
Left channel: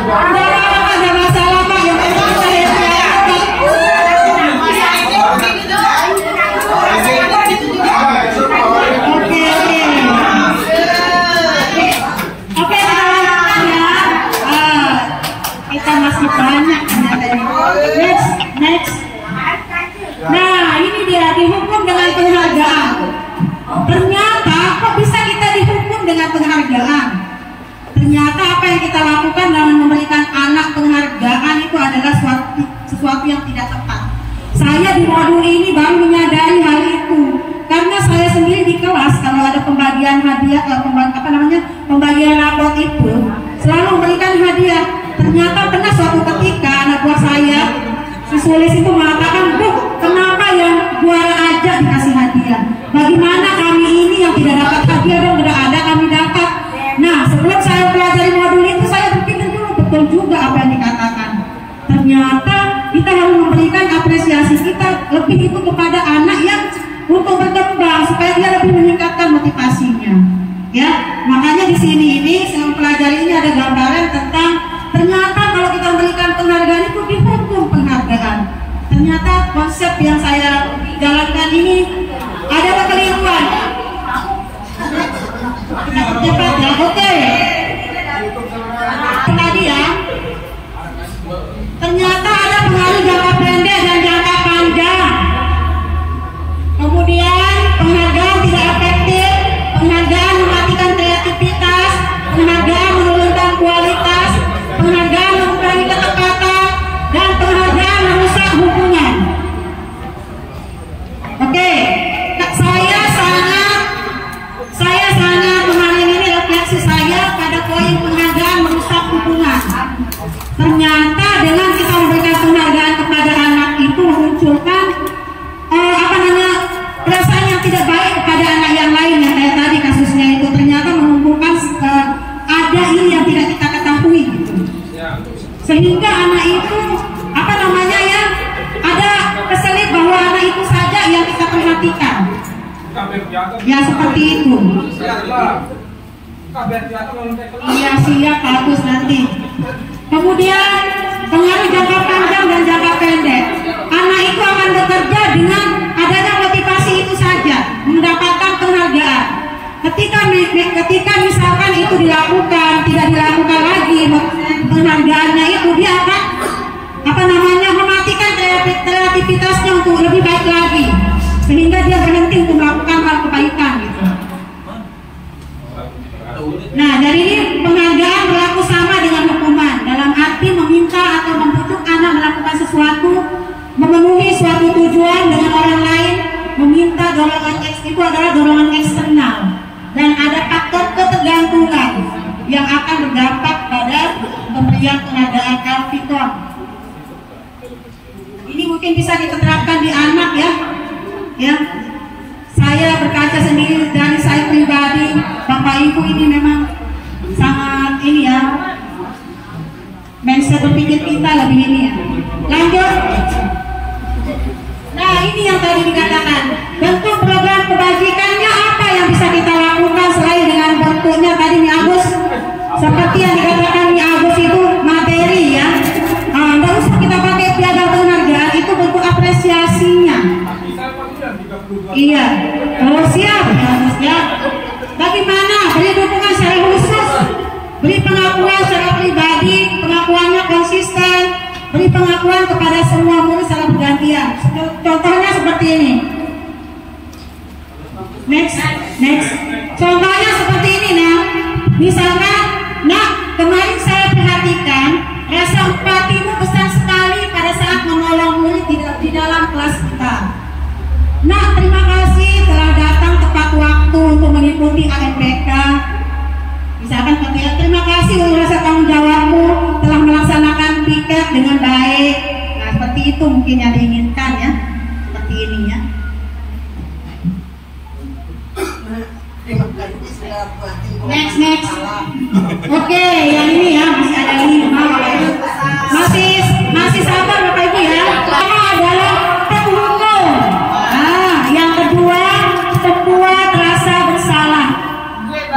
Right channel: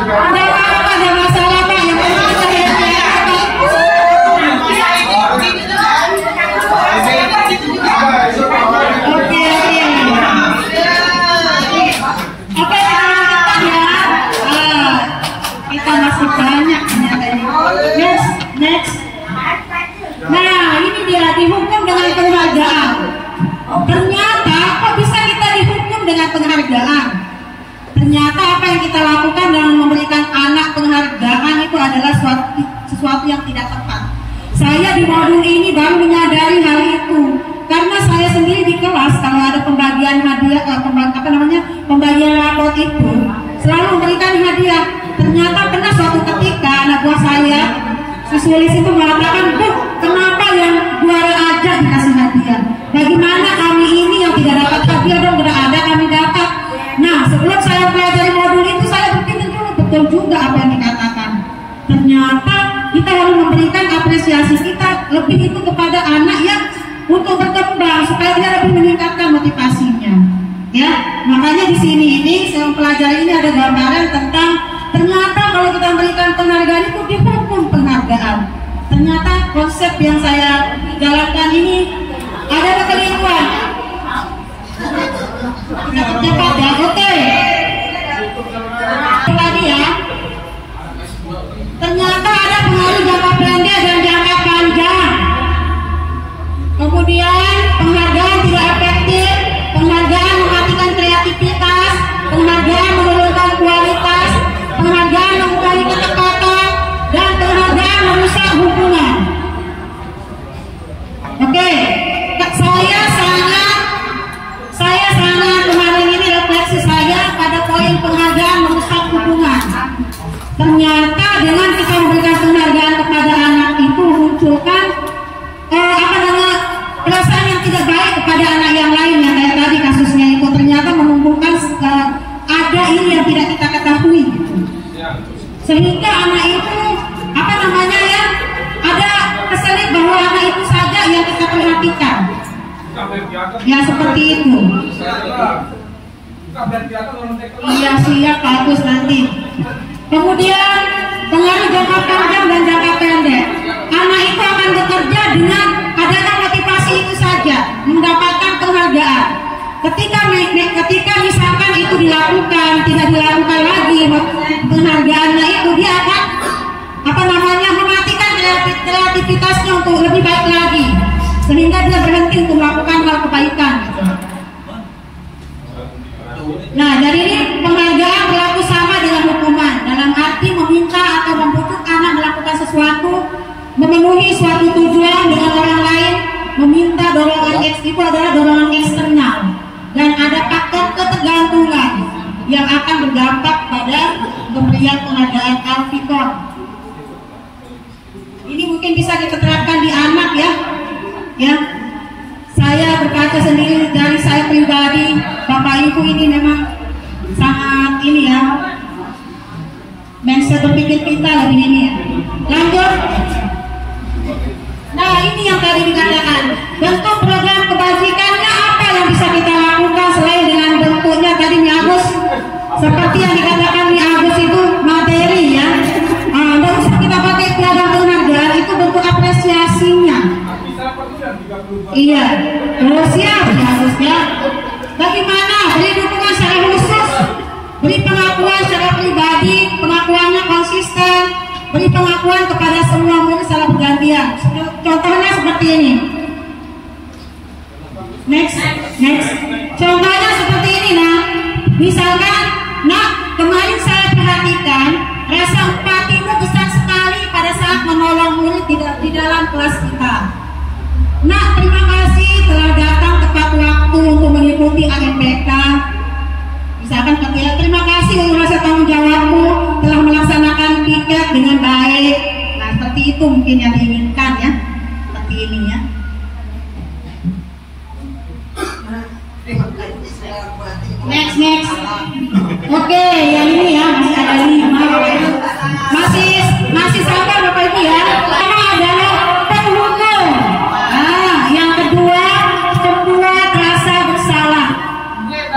ada masalah Pak, yang penting kita kita masih banyak. Next. Nah, ini dia dihukum dengan penghargaan. Ternyata kok bisa kita dihukum dengan penghargaan? Ternyata apa yang kita lakukan dalam memberikan anak penghargaan itu adalah sesuatu yang tidak tepat. Saya di modul ini baru menyadari hal itu karena saya sendiri di kelas kalau ada pembagian hadiah, pembagian rapot itu selalu memberikan hadiah. Ternyata pernah suatu ketika anak buah saya, si Sulis itu mengatakan, Bu, kenapa yang juara aja dikasih hadiah? Bagaimana kami ini yang tidak dapat hadiah dong, tidak ada kami dapat. Nah, sebelum saya pelajari modul itu, saya berpikir dulu betul juga apa yang dikatakan. Ternyata kita harus memberikan apresiasi kita lebih itu kepada anak yang untuk berkembang supaya dia lebih meningkatkan motivasinya. Ya, makanya di sini ini saya mempelajari ini ada gambaran tentang ternyata kalau kita memberikan penghargaan itu dihukum penghargaan. Ternyata konsep yang saya jalankan ini ada kekeliruan. Oke. Tadi ya. Ternyata ada pengaruh jangka pendek dan jangka panjang. Kemudian penghargaan tidak efektif, penghargaan mematikan kreativitas, penghargaan menurunkan kualitas, penghargaan mengurangi ketepatan, dan penghargaan merusak hubungan. Oke, saya sangat kemarin ini refleksi saya pada poin penghargaan merusak hubungan. Ternyata dengan kita memberikan penghargaan kepada anak itu memunculkan perasaan yang tidak baik kepada anak yang lain yang kayak tadi kasusnya itu ternyata mengumpulkan ada ini yang tidak kita ketahui gitu. Sehingga anak itu ada keselip bahwa anak itu saja yang kita perhatikan. Ya seperti itu. Iya siap bagus nanti. Kemudian pengaruh jangka panjang dan jangka pendek. Anak itu akan bekerja dengan adanya motivasi itu saja, mendapatkan penghargaan. Ketika misalkan itu dilakukan, tidak dilakukan lagi penghargaannya itu, dia akan mematikan kreativitasnya untuk lebih baik lagi, sehingga dia berhenti untuk melakukan hal kebaikan gitu. Nah, dari ini penghargaan berlaku sama dengan hukuman, dalam arti meminta atau membujuk anak melakukan sesuatu, memenuhi suatu tujuan dengan orang lain. Meminta dorongan itu adalah dorongan eksternal, dan ada faktor ketergantungan yang akan berdampak pada pemberian penghargaan Alfikon. Ini mungkin bisa diterapkan di anak ya. Saya berkaca sendiri dari saya pribadi, Bapak Ibu ini memang sangat ini ya, mindset berpikir kita lebih ini ya. Lanjut. Nah ini yang tadi dikatakan, bentuk program kebajikannya apa yang bisa kita lakukan selain dengan bentuknya tadi Mi Agus, seperti yang dikatakan Mi Agus itu materi ya. Nggak usah kita pakai piagam penghargaan, itu bentuk apresiasinya. Iya, oh siap Ya Agus ya. Bagaimana? Beri dukungan secara khusus, beri pengakuan secara pribadi, pengakuannya konsisten, beri pengakuan kepada semua murid secara bergantian. Contohnya seperti ini. Next. Contohnya seperti ini nah. Misalkan, nak kemarin saya perhatikan rasa empatimu besar sekali pada saat menolong murid di dalam kelas kita. Nak terima kasih telah datang tepat waktu untuk mengikuti AMPK. Misalkan terima kasih untuk rasa tanggung jawabmu telah melaksanakan piket dengan baik. Nah seperti itu mungkin yang diinginkan ya. Seperti ini ya. Next. Oke, yang ini ya, masih ada ini. Masih sabar Bapak Ibu ya. Pertama adalah penghukum. Nah, yang kedua pembuat rasa bersalah.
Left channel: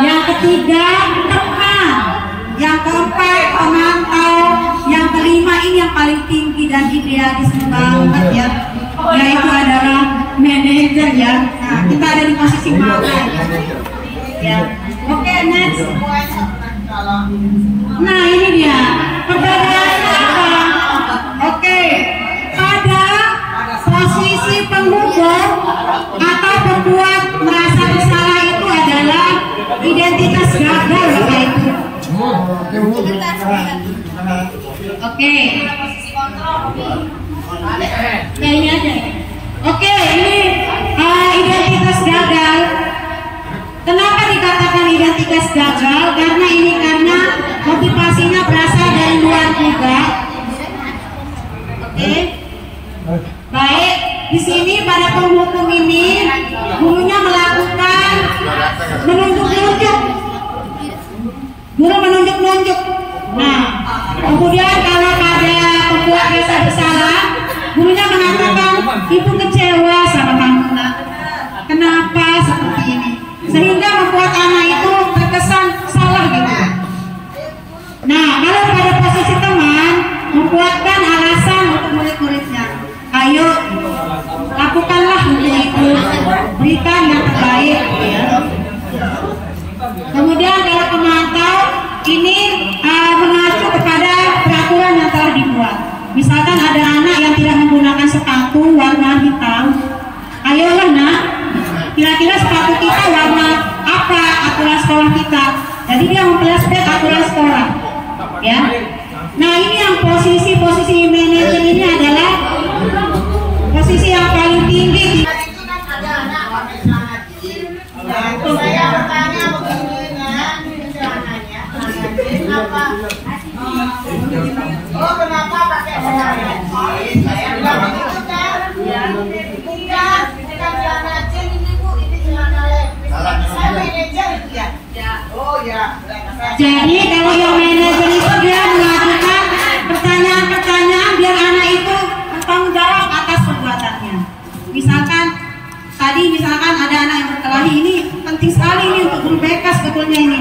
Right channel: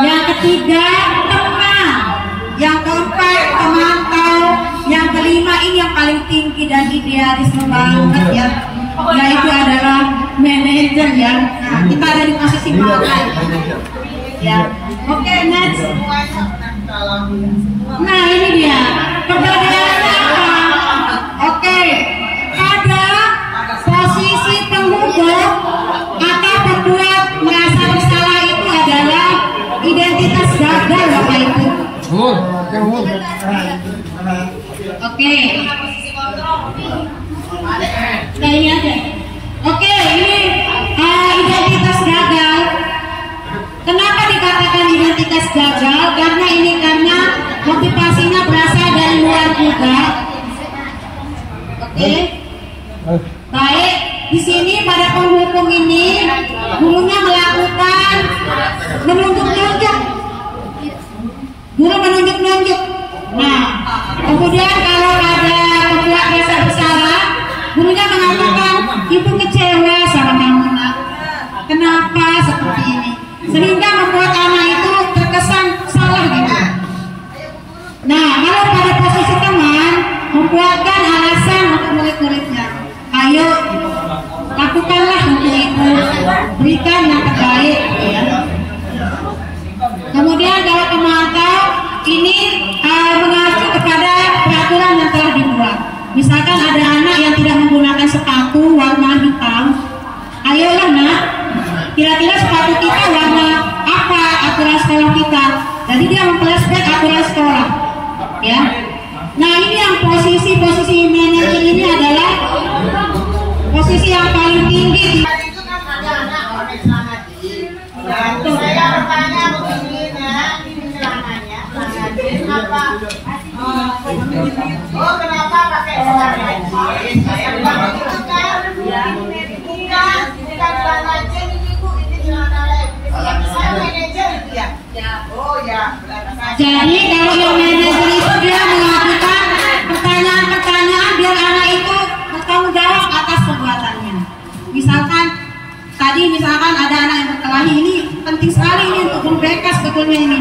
Yang ketiga teman. Yang keempat pemantau. paling tinggi dan idealis banget ya, yaitu adalah manajer ya. Nah, kita ada di posisi mana ya? Oke, next. Nah, ini dia perbedaannya apa? Oke, pada posisi penghukum atau pembuat merasa bersalah itu adalah identitas gagal, Bapak Ibu. Oke. Nah, ini aja. Oke, ini identitas gagal. Kenapa dikatakan identitas gagal? Karena motivasinya berasal dari luar juga. Oke. Baik, di sini pada penghukum ini gurunya melakukan menunjuk-nunjuk. Guru menunjuk-nunjuk. Nah, kemudian kalau pada pembuat rasa bersalah, gurunya mengatakan ibu kecewa sama kamu nak. Kenapa seperti ini? Sehingga membuat anak itu terkesan salah gitu. Nah, kalau pada posisi teman, membuatkan alasan untuk murid-muridnya. Ayo, lakukanlah untuk ibu, berikan yang terbaik. Ya. Kemudian kalau pemantau ini mengacu kepada peraturan yang telah dibuat. Misalkan ada anak yang tidak menggunakan sepatu warna hitam, ayolah nak, kira-kira sepatu kita warna apa aturan sekolah kita. Jadi dia memflashback aturan sekolah, ya. Nah, ini yang posisi manajer ini adalah posisi yang paling tinggi. Oh, kenapa pakai celana jeans? Saya bilang itu kan? Iya, ini kan celana jeans ini Bu, ini celana saya manajer itu ya? Oh ya. Jadi kalau yang manajer itu dia melakukan pertanyaan-pertanyaan biar anak itu bertanggung jawab atas perbuatannya. Misalkan ada anak yang berkelahi, ini penting sekali ini untuk guru BK sebetulnya ini.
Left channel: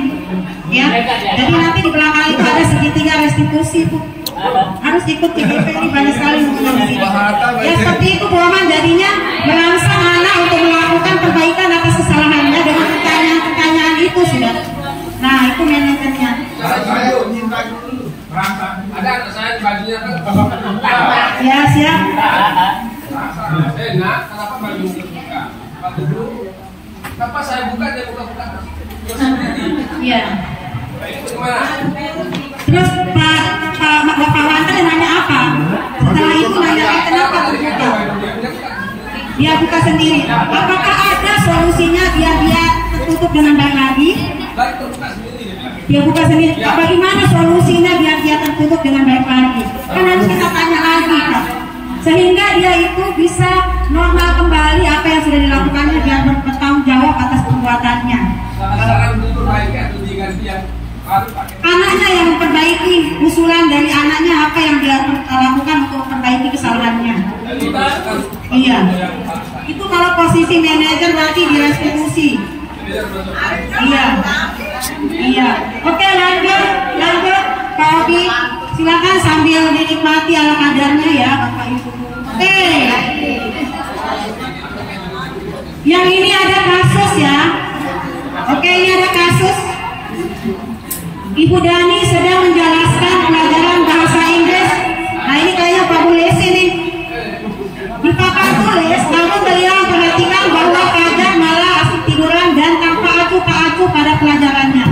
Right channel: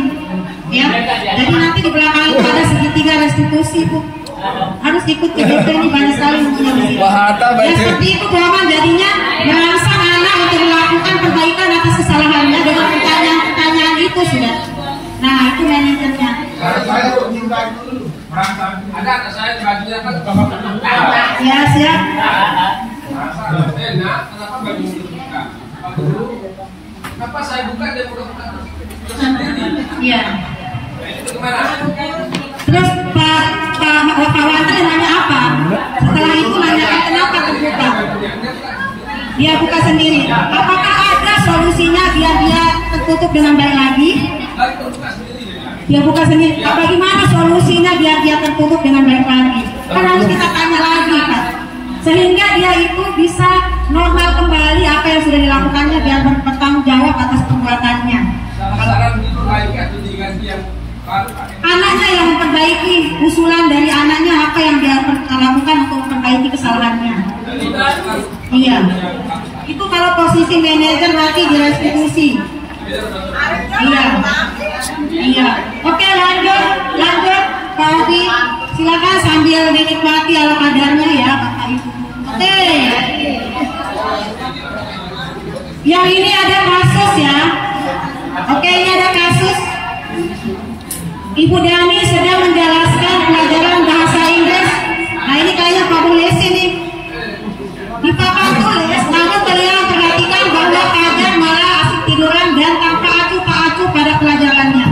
Ya, jadi nanti di belakang itu ada segitiga restitusi Bu. Harus ikut CGP, ini banyak sekali yang di sini. Ya seperti itu bohongan, jadinya merangsang anak untuk melakukan perbaikan atas kesalahannya dengan pertanyaan-pertanyaan itu sudah. Nah, itu manajernya. Ada anak saya bajunya kan bapak. Ya, siap. Nah, kenapa baju buka? Baju dulu. Kenapa saya buka dia buka-buka sendiri? Iya. Bagaimana? Terus Pak Wanta nanya apa? Setelah itu nanya kenapa terbuka? Dia buka sendiri. Apakah ada solusinya biar dia tertutup dengan baik lagi? Dia buka sendiri. Bagaimana solusinya biar dia tertutup dengan baik lagi? Kan harus kita tanya lagi, Pak. Sehingga dia itu bisa normal kembali apa yang sudah dilakukannya biar bertanggung jawab atas perbuatannya. Anaknya yang memperbaiki, usulan dari anaknya apa yang dia lakukan untuk memperbaiki kesalahannya. Iya. Itu kalau posisi manajer berarti direstitusi. Iya. Iya. Oke, lanjut Pak Obi. Silakan sambil dinikmati ala kadarnya ya Bapak Ibu. Oke. Yang ini ada kasus ya. Oke, ini ada kasus. Ibu Dani sedang menjelaskan pelajaran bahasa Inggris. Nah, ini kayaknya Pak Bulesi nih. Di papan tulis, namun beliau memperhatikan bahwa Fajar malah asik tiduran dan tanpa acuh pada pelajarannya.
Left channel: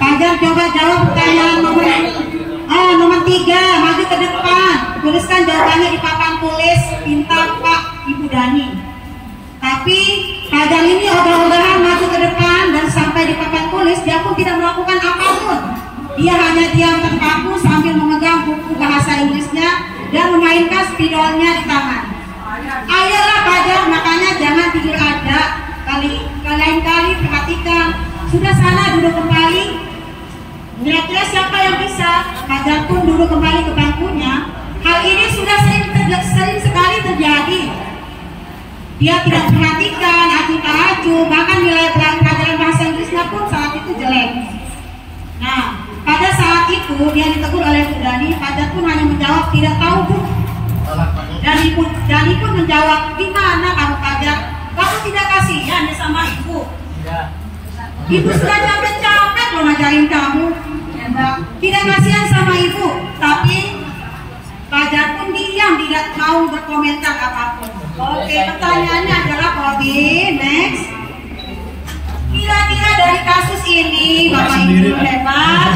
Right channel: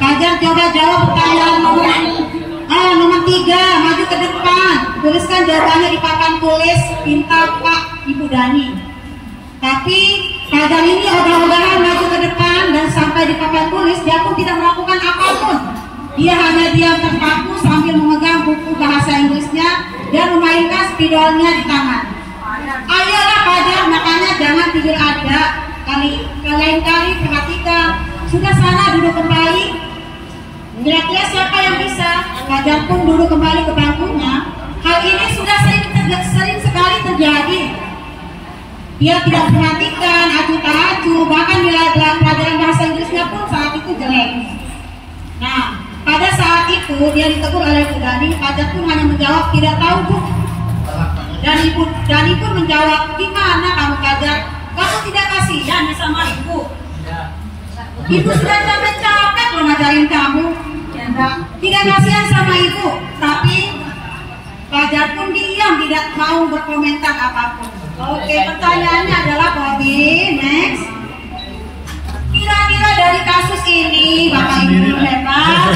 Fajar coba jawab pertanyaan nomor 3, maju ke depan. Tuliskan jawabannya di papan tulis, pinta Pak Ibu Dani. Tapi Fajar ini ogah-ogahan maju ke depan dan sampai di papan tulis dia pun tidak melakukan apapun. Dia hanya diam terpaku sambil memegang buku bahasa Inggrisnya dan memainkan spidolnya di tangan. Ayolah Fajar, makanya jangan tidur ada. Lain-kali perhatikan. Sudah sana duduk kembali. Kira-kira siapa yang bisa? Fajar pun duduk kembali ke bangkunya. Hal ini sudah sering sekali terjadi. Dia tidak perhatikan, acuh-acuh, bahkan nilai pelajaran bahasa Inggrisnya pun saat itu jelek. Nah, pada saat itu itu dia ditegur oleh Bu Dani, Fajar pun hanya menjawab tidak tahu Bu. Dani pun menjawab, gimana kamu Fajar? Kamu tidak kasihan ya sama ibu? Ibu sudah capek loh ngajarin kamu. Tidak kasihan sama ibu, tapi Fajar pun diam, tidak mau berkomentar apapun. Oke, pertanyaannya adalah Bobby, next. Kira-kira dari kasus ini, Bapak Ibu hebat,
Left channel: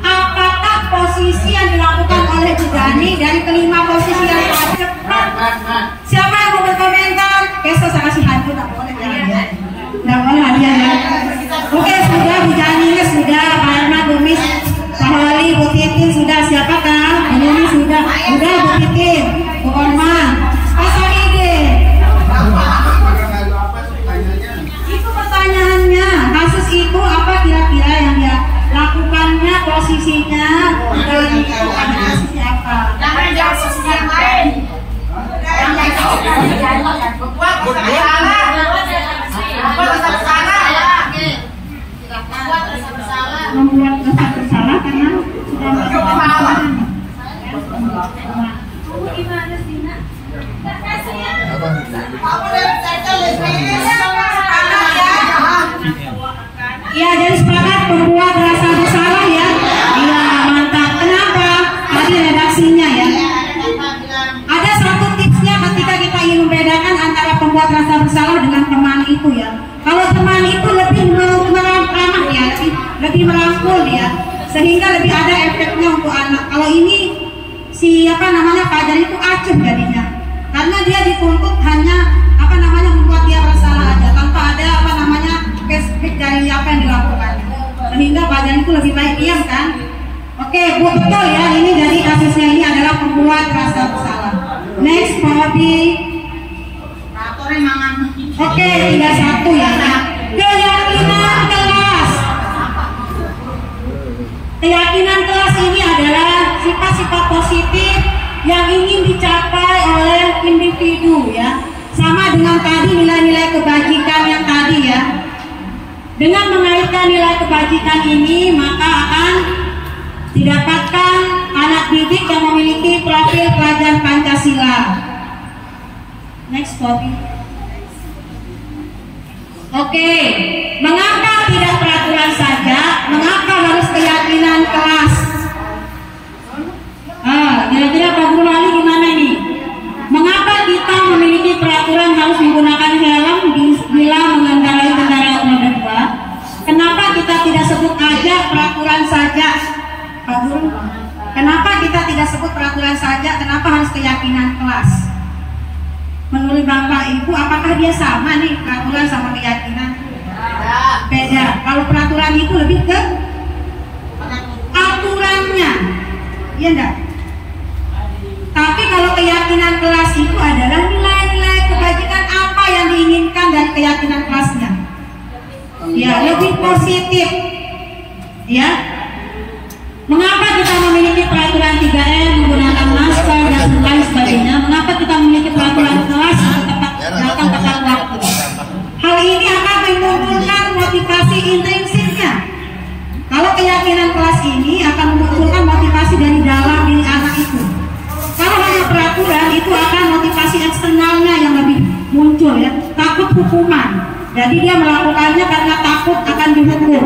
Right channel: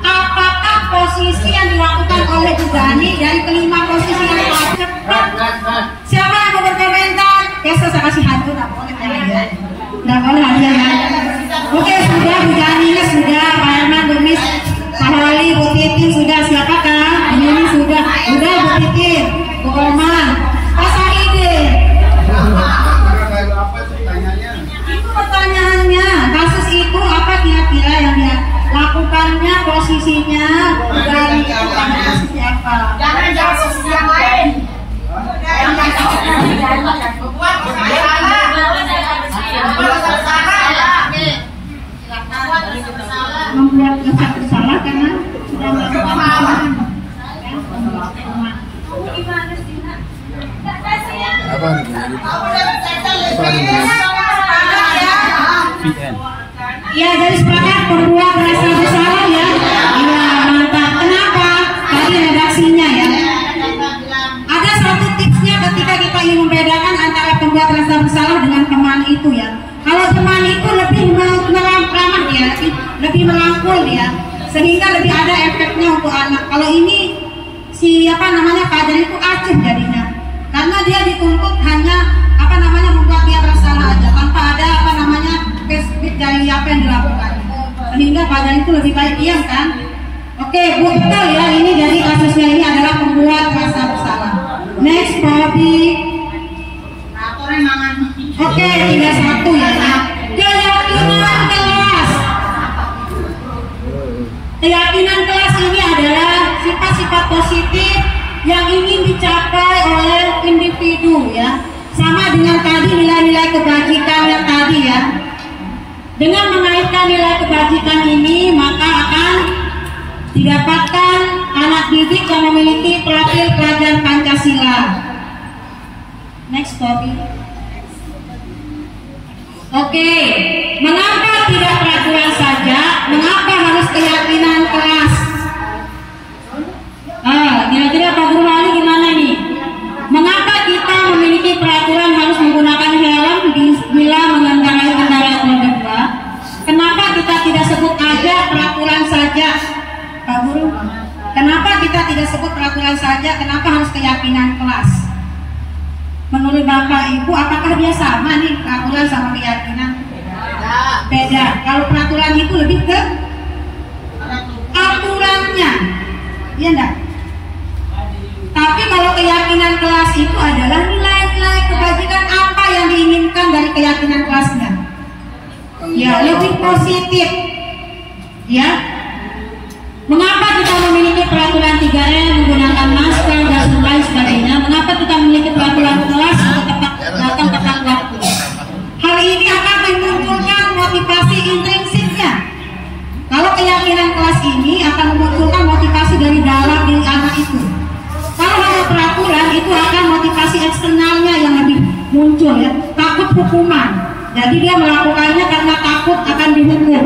apakah posisi yang dilakukan oleh Bu Dani dari kelima posisi yang cepat? Siapa yang mau berkomentar? Saya kasih hantu, tak boleh hadiah. Tidak boleh hadiah ya. Oke, sudah Bu Dani sudah, Pak Herman, Bu Mis, Pak Wali, Bu Titin sudah, siapakah? Ini sudah Bu Titin, Bu Orman, Pak Samidin. Itu pertanyaannya, kasus itu apa kira-kira yang dia lakukannya, posisinya, dan posisi apa? Jangan posisi yang lain. Membuat dosa bersalah karena sudah melakukan ya, jadi sepakat pembuat rasa bersalah ya. Iya, mantap. Kenapa? Tadi redaksinya ya. Ada satu tipsnya ketika kita ingin membedakan antara pembuat rasa bersalah dengan temani itu ya. Kalau temani itu lebih meramah ya, lebih merangkul ya, sehingga lebih ada efeknya untuk anak. Kalau ini Fajar itu acuh jadinya, karena dia dituntut hanya membuat dia bersalah aja tanpa ada spesifik dari apa yang dilakukan, sehingga Fajar itu lebih baik diam kan. Oke Bu, betul ya, ini dari kasusnya ini adalah pembuat rasa bersalah. Next, Bobby. Oke, 31 ya. Keyakinan kelas ini adalah sifat-sifat positif yang ingin dicapai oleh individu ya. Sama dengan tadi nilai-nilai kebajikan yang tadi ya. Dengan mengaitkan nilai kebajikan ini, maka akan didapatkan anak didik yang memiliki profil pelajar Pancasila. Next, Bobby. Oke, mengapa tidak peraturan saja? Mengapa harus keyakinan kelas? Kira-kira Pak Guru Wali gimana nih? Mengapa kita memiliki peraturan harus menggunakan helm bila mengendarai kendaraan roda 2? Kenapa kita tidak sebut aja peraturan saja, Pak Guru? Kenapa kita tidak sebut peraturan saja? Kenapa harus keyakinan kelas? Menurut Bapak Ibu, apakah dia sama nih peraturan sama keyakinan? Beda. Kalau peraturan itu lebih ke aturannya, iya enggak? Tapi kalau keyakinan kelas itu adalah nilai-nilai kebajikan apa yang diinginkan dari keyakinan kelasnya. Ya, lebih positif. Ya. Mengapa kita memiliki peraturan 3M menggunakan masker dan lain sebagainya? Mengapa kita memiliki peraturan kelas untuk datang tepat waktu? Hal ini akan memunculkan motivasi intrinsiknya. Kalau keyakinan kelas ini akan memunculkan motivasi dari dalam diri anak itu. Kalau hanya peraturan, itu akan motivasi eksternalnya yang lebih muncul ya. Takut hukuman. Jadi dia melakukannya karena takut akan dihukum.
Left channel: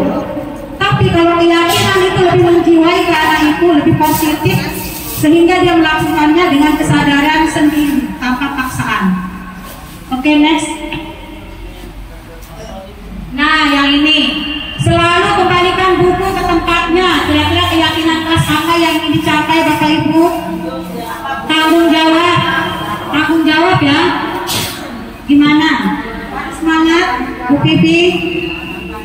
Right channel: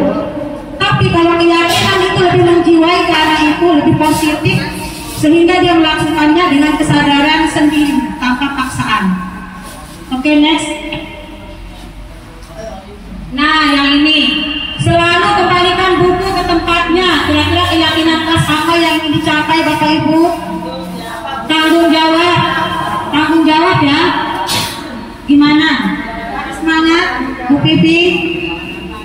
Tapi kalau keyakinan itu lebih menjiwai ke anak itu, lebih positif, sehingga dia melakukannya dengan kesadaran sendiri tanpa paksaan. Oke, next. Nah, yang ini selalu kembalikan buku ke tempatnya. Kira-kira keyakinan kelas apa yang ingin dicapai Bapak Ibu? Tanggung jawab ya. Gimana? Semangat, Bu Pipi.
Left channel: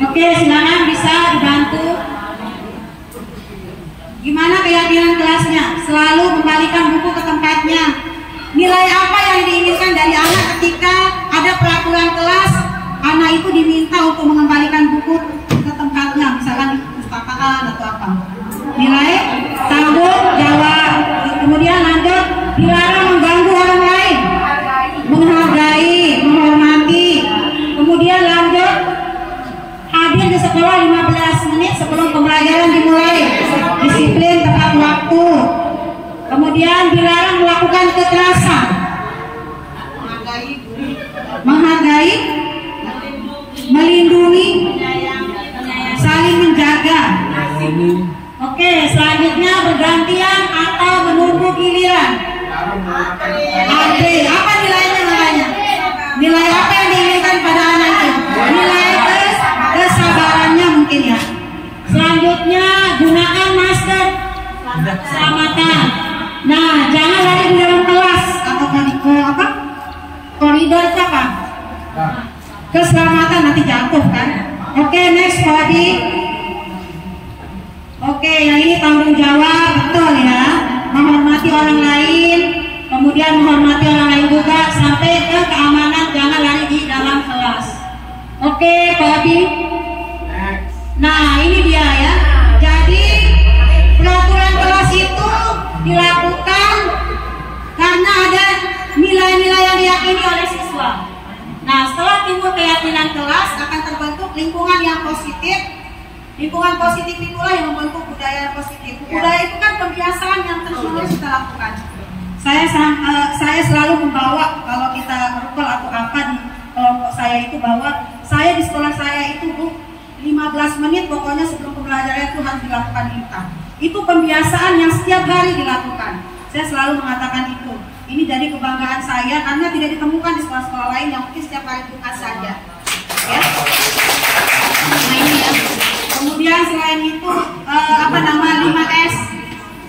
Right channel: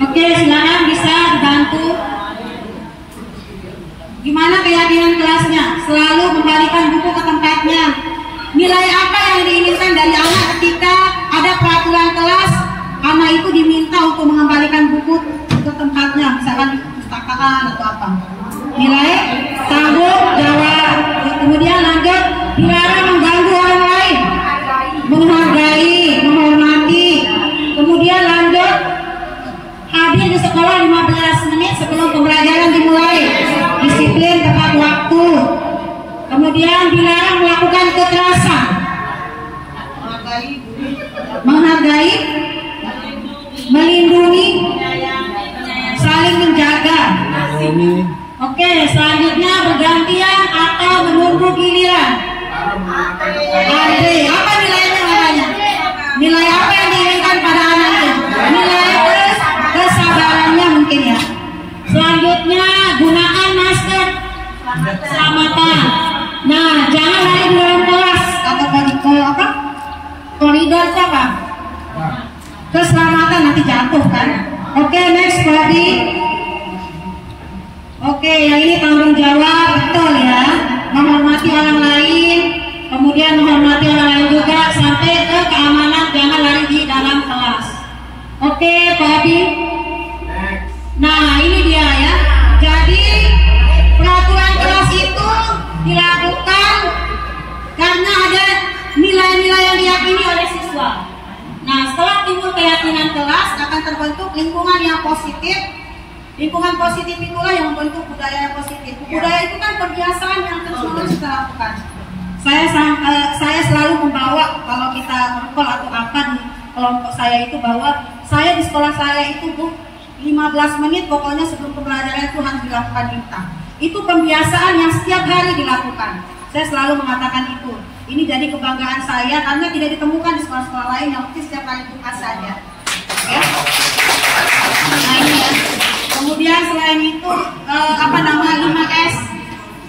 Oke, silakan bisa dibantu. Gimana keyakinan kelasnya? Selalu kembalikan buku ke tempatnya. Nilai apa yang diinginkan dari anak ketika ada peraturan kelas? Anak itu diminta untuk mengembalikan buku ke tempatnya, misalkan di perpustakaan atau apa. Nilai tanggung jawab. Kemudian lanjut, dilarang mengganggu orang lain, menghargai, menghormati. Kemudian lanjut, hadir di sekolah 15 menit sebelum pembelajaran dimulai. Di disiplin tepat waktu. Kemudian dilarang melakukan kekerasan. Menghargai, melindungi, saling menjaga. Oke, selanjutnya bergantian atau menunggu giliran. Andre, apa nilainya namanya? Nilai apa yang diberikan pada anak itu? Nilai kesabarannya mungkin ya. Selanjutnya gunakan masker keselamatan. Nah, jangan lari di dalam kelas atau apa? Koridor itu apa? Keselamatan, nanti jatuh kan? Oke, next Bobby. Oke, yang ini tanggung jawab, betul ya. Menghormati orang lain, kemudian menghormati orang lain juga sampai ke keamanan, jangan lari di dalam kelas. Oke, Bobby. Nah, ini dia ya. Jadi peraturan kelas itu dilakukan karena ada nilai-nilai yang diyakini oleh siswa. Nah, setelah timbul keyakinan kelas akan terbentuk lingkungan yang positif. Lingkungan positif itulah yang membentuk budaya yang positif. Budaya itu kan kebiasaan yang terus-menerus kita lakukan. Saya selalu membawa kalau kita merokok atau apa di kelompok saya itu, bahwa saya di sekolah saya itu 15 menit pokoknya sebelum pembelajaran itu harus dilakukan infak. Itu pembiasaan yang setiap hari dilakukan. Saya selalu mengatakan itu. Ini jadi kebanggaan saya karena tidak ditemukan di sekolah-sekolah lain yang mungkin setiap hari Jumat saja. Ya. Nah, ini ya. Kemudian selain itu 5S.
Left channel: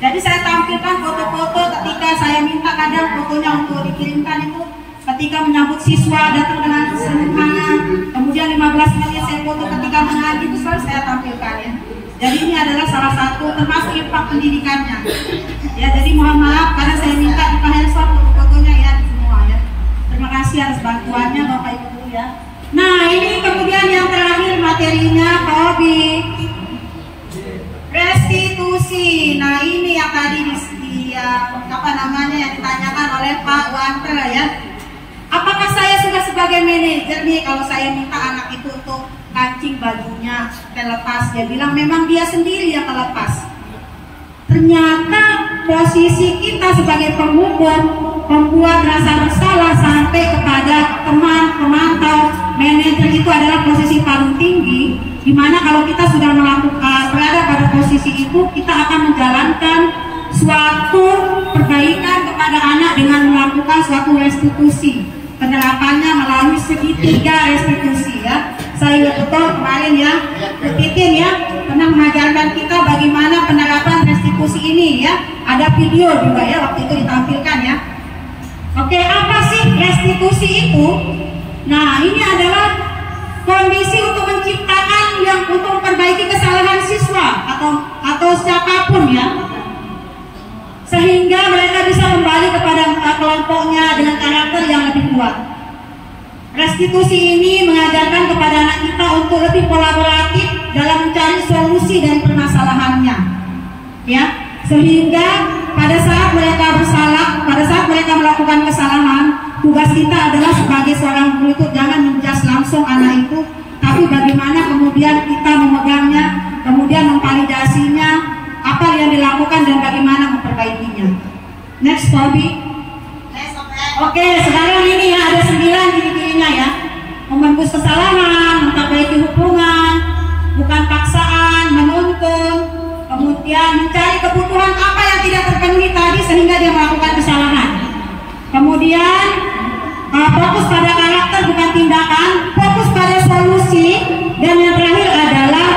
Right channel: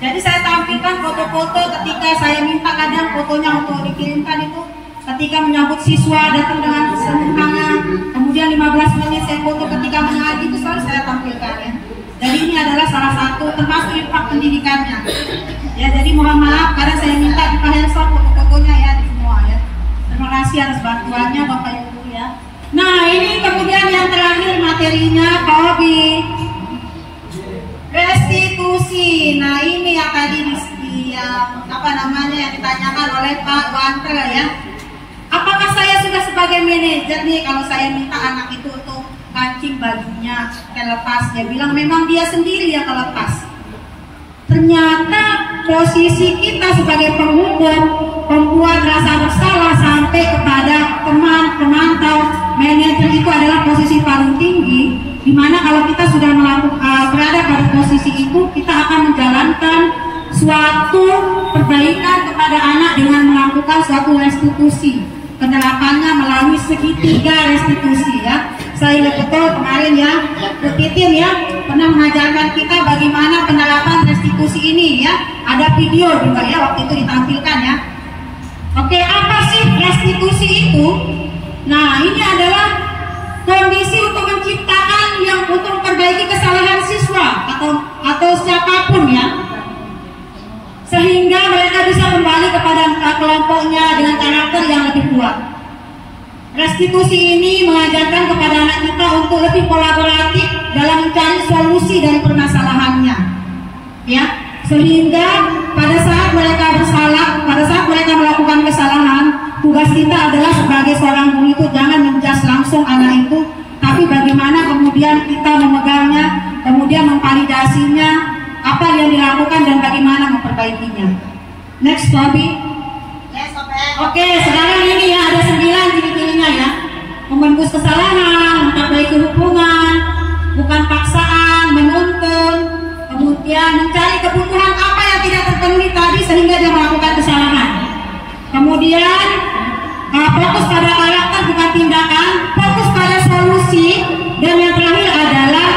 Jadi saya tampilkan foto-foto ketika saya minta kadang fotonya untuk dikirimkan itu ketika menyambut siswa datang dengan semangat. Kemudian 15 menit saya foto ketika mengaji, itu selalu saya tampilkan ya. Jadi ini adalah salah satu termasuk impak pendidikannya. Ya, jadi mohon maaf karena saya minta di handphone foto-fotonya ya semua ya. Terima kasih atas bantuannya Bapak Ibu ya. Nah, ini kemudian yang terakhir materinya Pak Obi. Restitusi. Nah, ini yang tadi yang ditanyakan oleh Pak Wantre ya. Apakah saya sudah sebagai manajer nih kalau saya minta anak itu untuk kancing bajunya terlepas, dia bilang memang dia sendiri yang terlepas. Ternyata posisi kita sebagai penghukum, pembuat rasa bersalah sampai kepada teman, pemantau, manajer itu adalah posisi paling tinggi, di mana kalau kita sudah berada pada posisi itu, kita akan menjalankan suatu perbaikan kepada anak dengan melakukan suatu restitusi. Penerapannya melalui segitiga restitusi ya. Saya ingat betul kemarin ya, Bu Titin ya pernah mengajarkan kita bagaimana penerapan restitusi ini ya. Ada video juga ya waktu itu ditampilkan ya. Oke, apa sih restitusi itu? Nah, ini adalah kondisi untuk menciptakan yang untuk memperbaiki kesalahan siswa atau siapapun ya, sehingga mereka bisa kembali kepada kelompoknya dengan karakter yang lebih kuat. Restitusi ini mengajarkan kepada anak kita untuk lebih kolaboratif dalam mencari solusi dan permasalahannya, ya, sehingga pada saat mereka bersalah, pada saat mereka melakukan kesalahan, tugas kita adalah sebagai seorang guru itu jangan menjudge langsung anak itu, tapi bagaimana kemudian kita memegangnya, kemudian memvalidasinya, apa yang dilakukan dan bagaimana memperbaikinya. Next, Bobby. Oke, sekarang ini ya ada 9 ciri-cirinya ya. Membungkus kesalahan, memperbaiki hubungan, bukan paksaan, menuntun, kemudian mencari kebutuhan apa yang tidak terpenuhi tadi sehingga dia melakukan kesalahan. Kemudian fokus pada karakter bukan tindakan, fokus pada solusi, dan yang terakhir adalah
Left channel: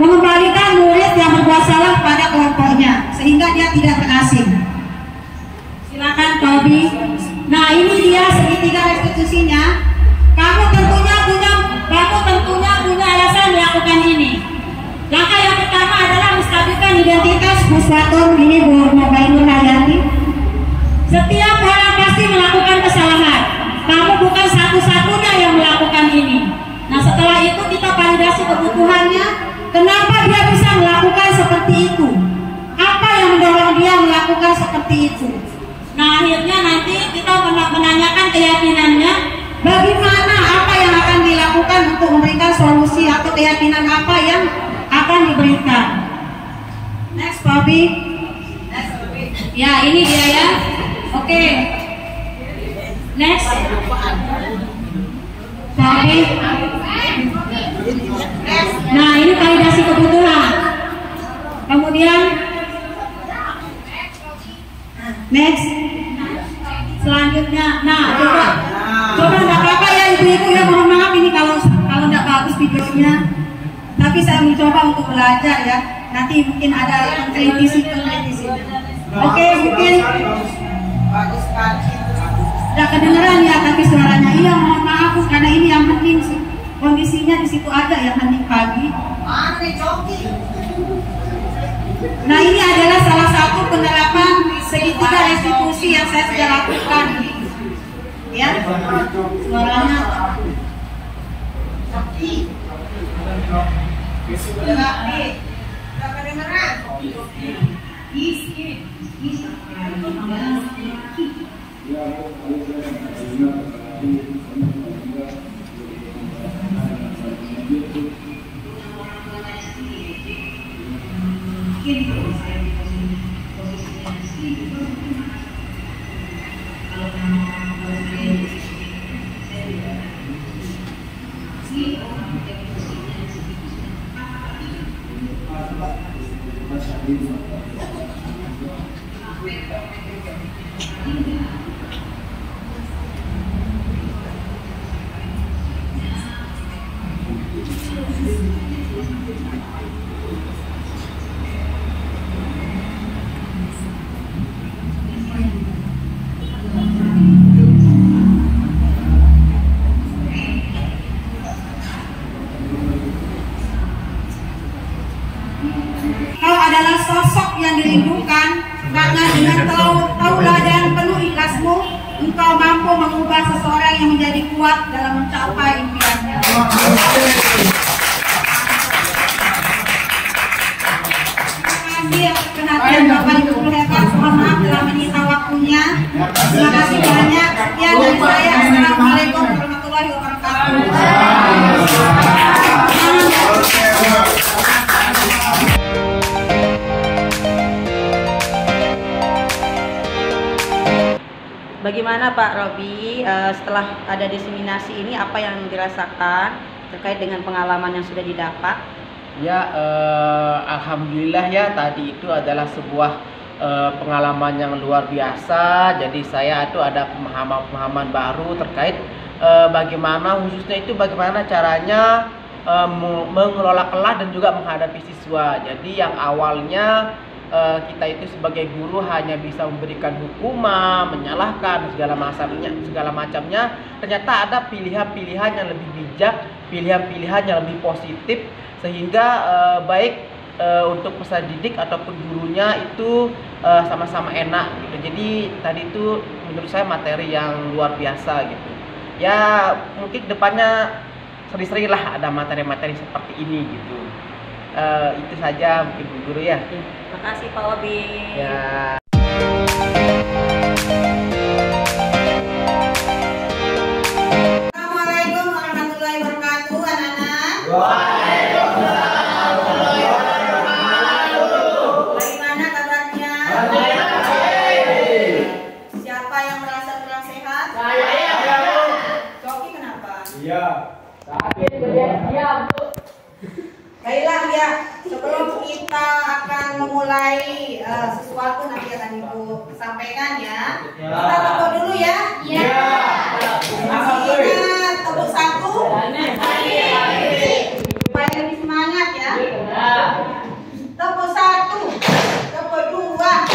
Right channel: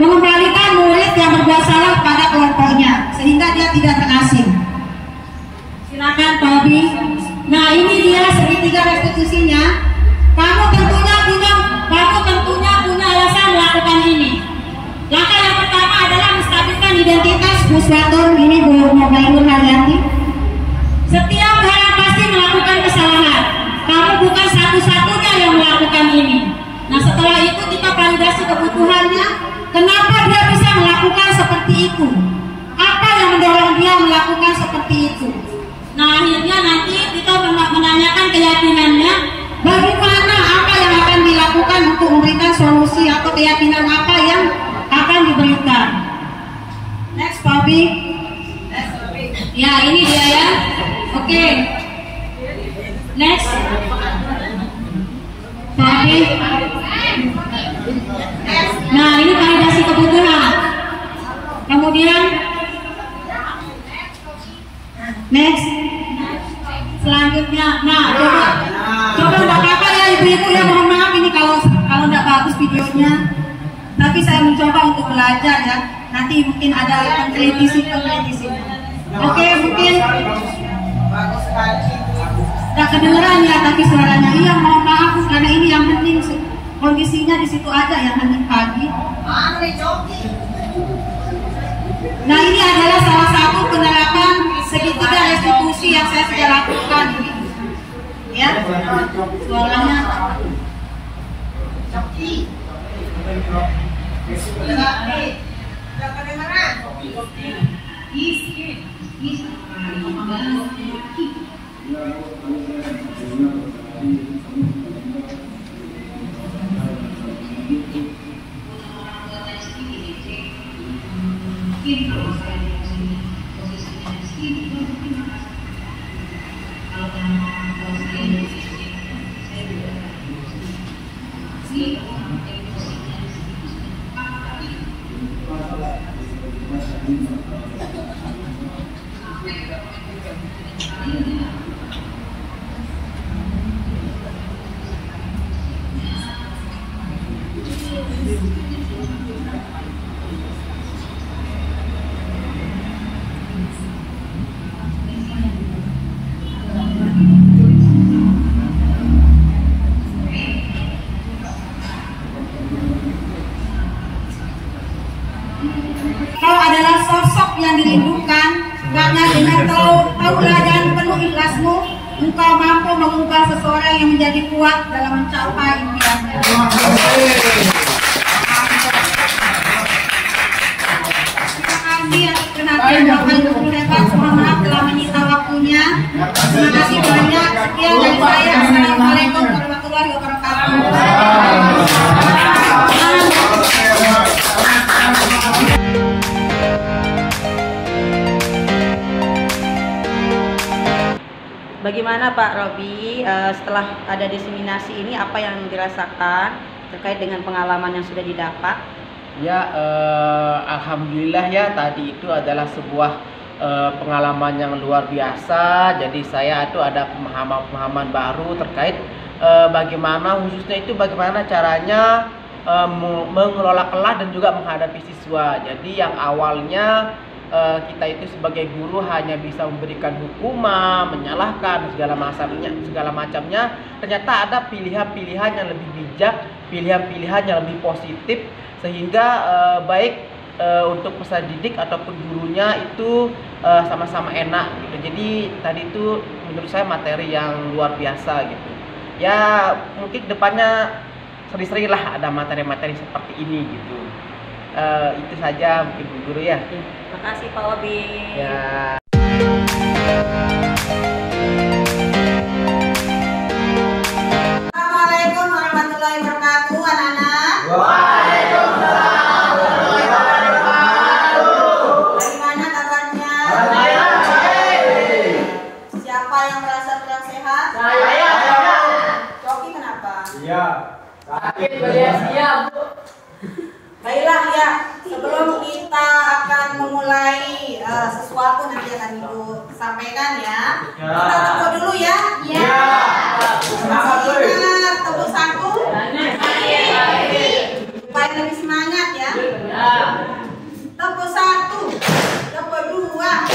mengembalikan murid yang berbuat salah pada kelompoknya sehingga dia tidak terasing. Silakan Pak Abi. Nah, ini dia segitiga restitusinya. Kamu tentunya punya alasan melakukan ini. Langkah yang pertama adalah menstabilkan identitas Puswatur. Ini Bu Mobailur Hayati. Setiap orang pasti melakukan kesalahan. Kamu bukan satu-satunya yang melakukan ini. Nah, setelah itu kita validasi kebutuhannya. Kenapa dia bisa melakukan seperti itu? Apa yang mendorong dia melakukan seperti itu? Nah, akhirnya nanti kita menanyakan keyakinannya, bagaimana apa yang akan dilakukan untuk memberikan solusi atau keyakinan apa yang akan diberikan. Next, Pak. Robi? Ya, ini dia ya. Oke. Next. Fahri. Nah, ini validasi kebutuhan. Kemudian next. Selanjutnya, nah coba nggak apa-apa ya ibu-ibu ya, mohon maaf ini kalau nggak bagus videonya. Tapi saya mencoba untuk belajar ya. Nanti mungkin ada peneliti. Oke, mungkin Bagus sekali. nggak kedengeran ya, tapi suaranya iya, mohon maaf karena ini yang penting kondisinya di situ aja yang penting pagi. Nah, ini adalah salah satu penerapan segitiga restitusi yang saya sudah lakukan ini. Ya, suaranya. Kau adalah sosok yang dirindukan, karena dengan tauladan penuh ikhlasmu, engkau mampu mengubah seseorang yang menjadi kuat dalam mencapai impiannya. Terima kasih atas perhatian Bapak Ibu guru hebat. Mohon maaf telah menyita waktunya. Terima kasih banyak. Sekian dari saya. Assalamualaikum warahmatullahi wabarakatuh. Bagaimana Pak Robi, setelah ada diseminasi ini apa yang dirasakan terkait dengan pengalaman yang sudah didapat? Ya, alhamdulillah ya, tadi itu adalah sebuah pengalaman yang luar biasa. Jadi saya itu ada pemahaman baru terkait bagaimana khususnya itu bagaimana caranya mengelola kelas dan juga menghadapi siswa. Jadi yang awalnya kita itu sebagai guru hanya bisa memberikan hukuman, menyalahkan segala macamnya. Ternyata ada pilihan-pilihan yang lebih bijak, pilihan-pilihan yang lebih positif, sehingga baik untuk peserta didik ataupun gurunya itu sama-sama enak gitu. Jadi tadi itu menurut saya materi yang luar biasa gitu. Ya mungkin depannya sering-sering lah ada materi-materi seperti ini gitu. Itu saja mungkin Bu Guru ya. Terima kasih Pak Robi. Ya. Assalamualaikum warahmatullahi wabarakatuh, anak-anak. Waalaikumsalam warahmatullahi wabarakatuh. Bagaimana kabarnya? Siapa yang merasa kurang sehat? Saya. Coki kenapa? Iya. Sakit bersedia, Bu. Baiklah ya, sebelum kita akan memulai sesuatu nanti akan Ibu sampaikan ya. Kita tepuk dulu ya. Iya. Masih ingat tepuk satu? Supaya lebih semangat ya. Tepuk satu, tepuk dua,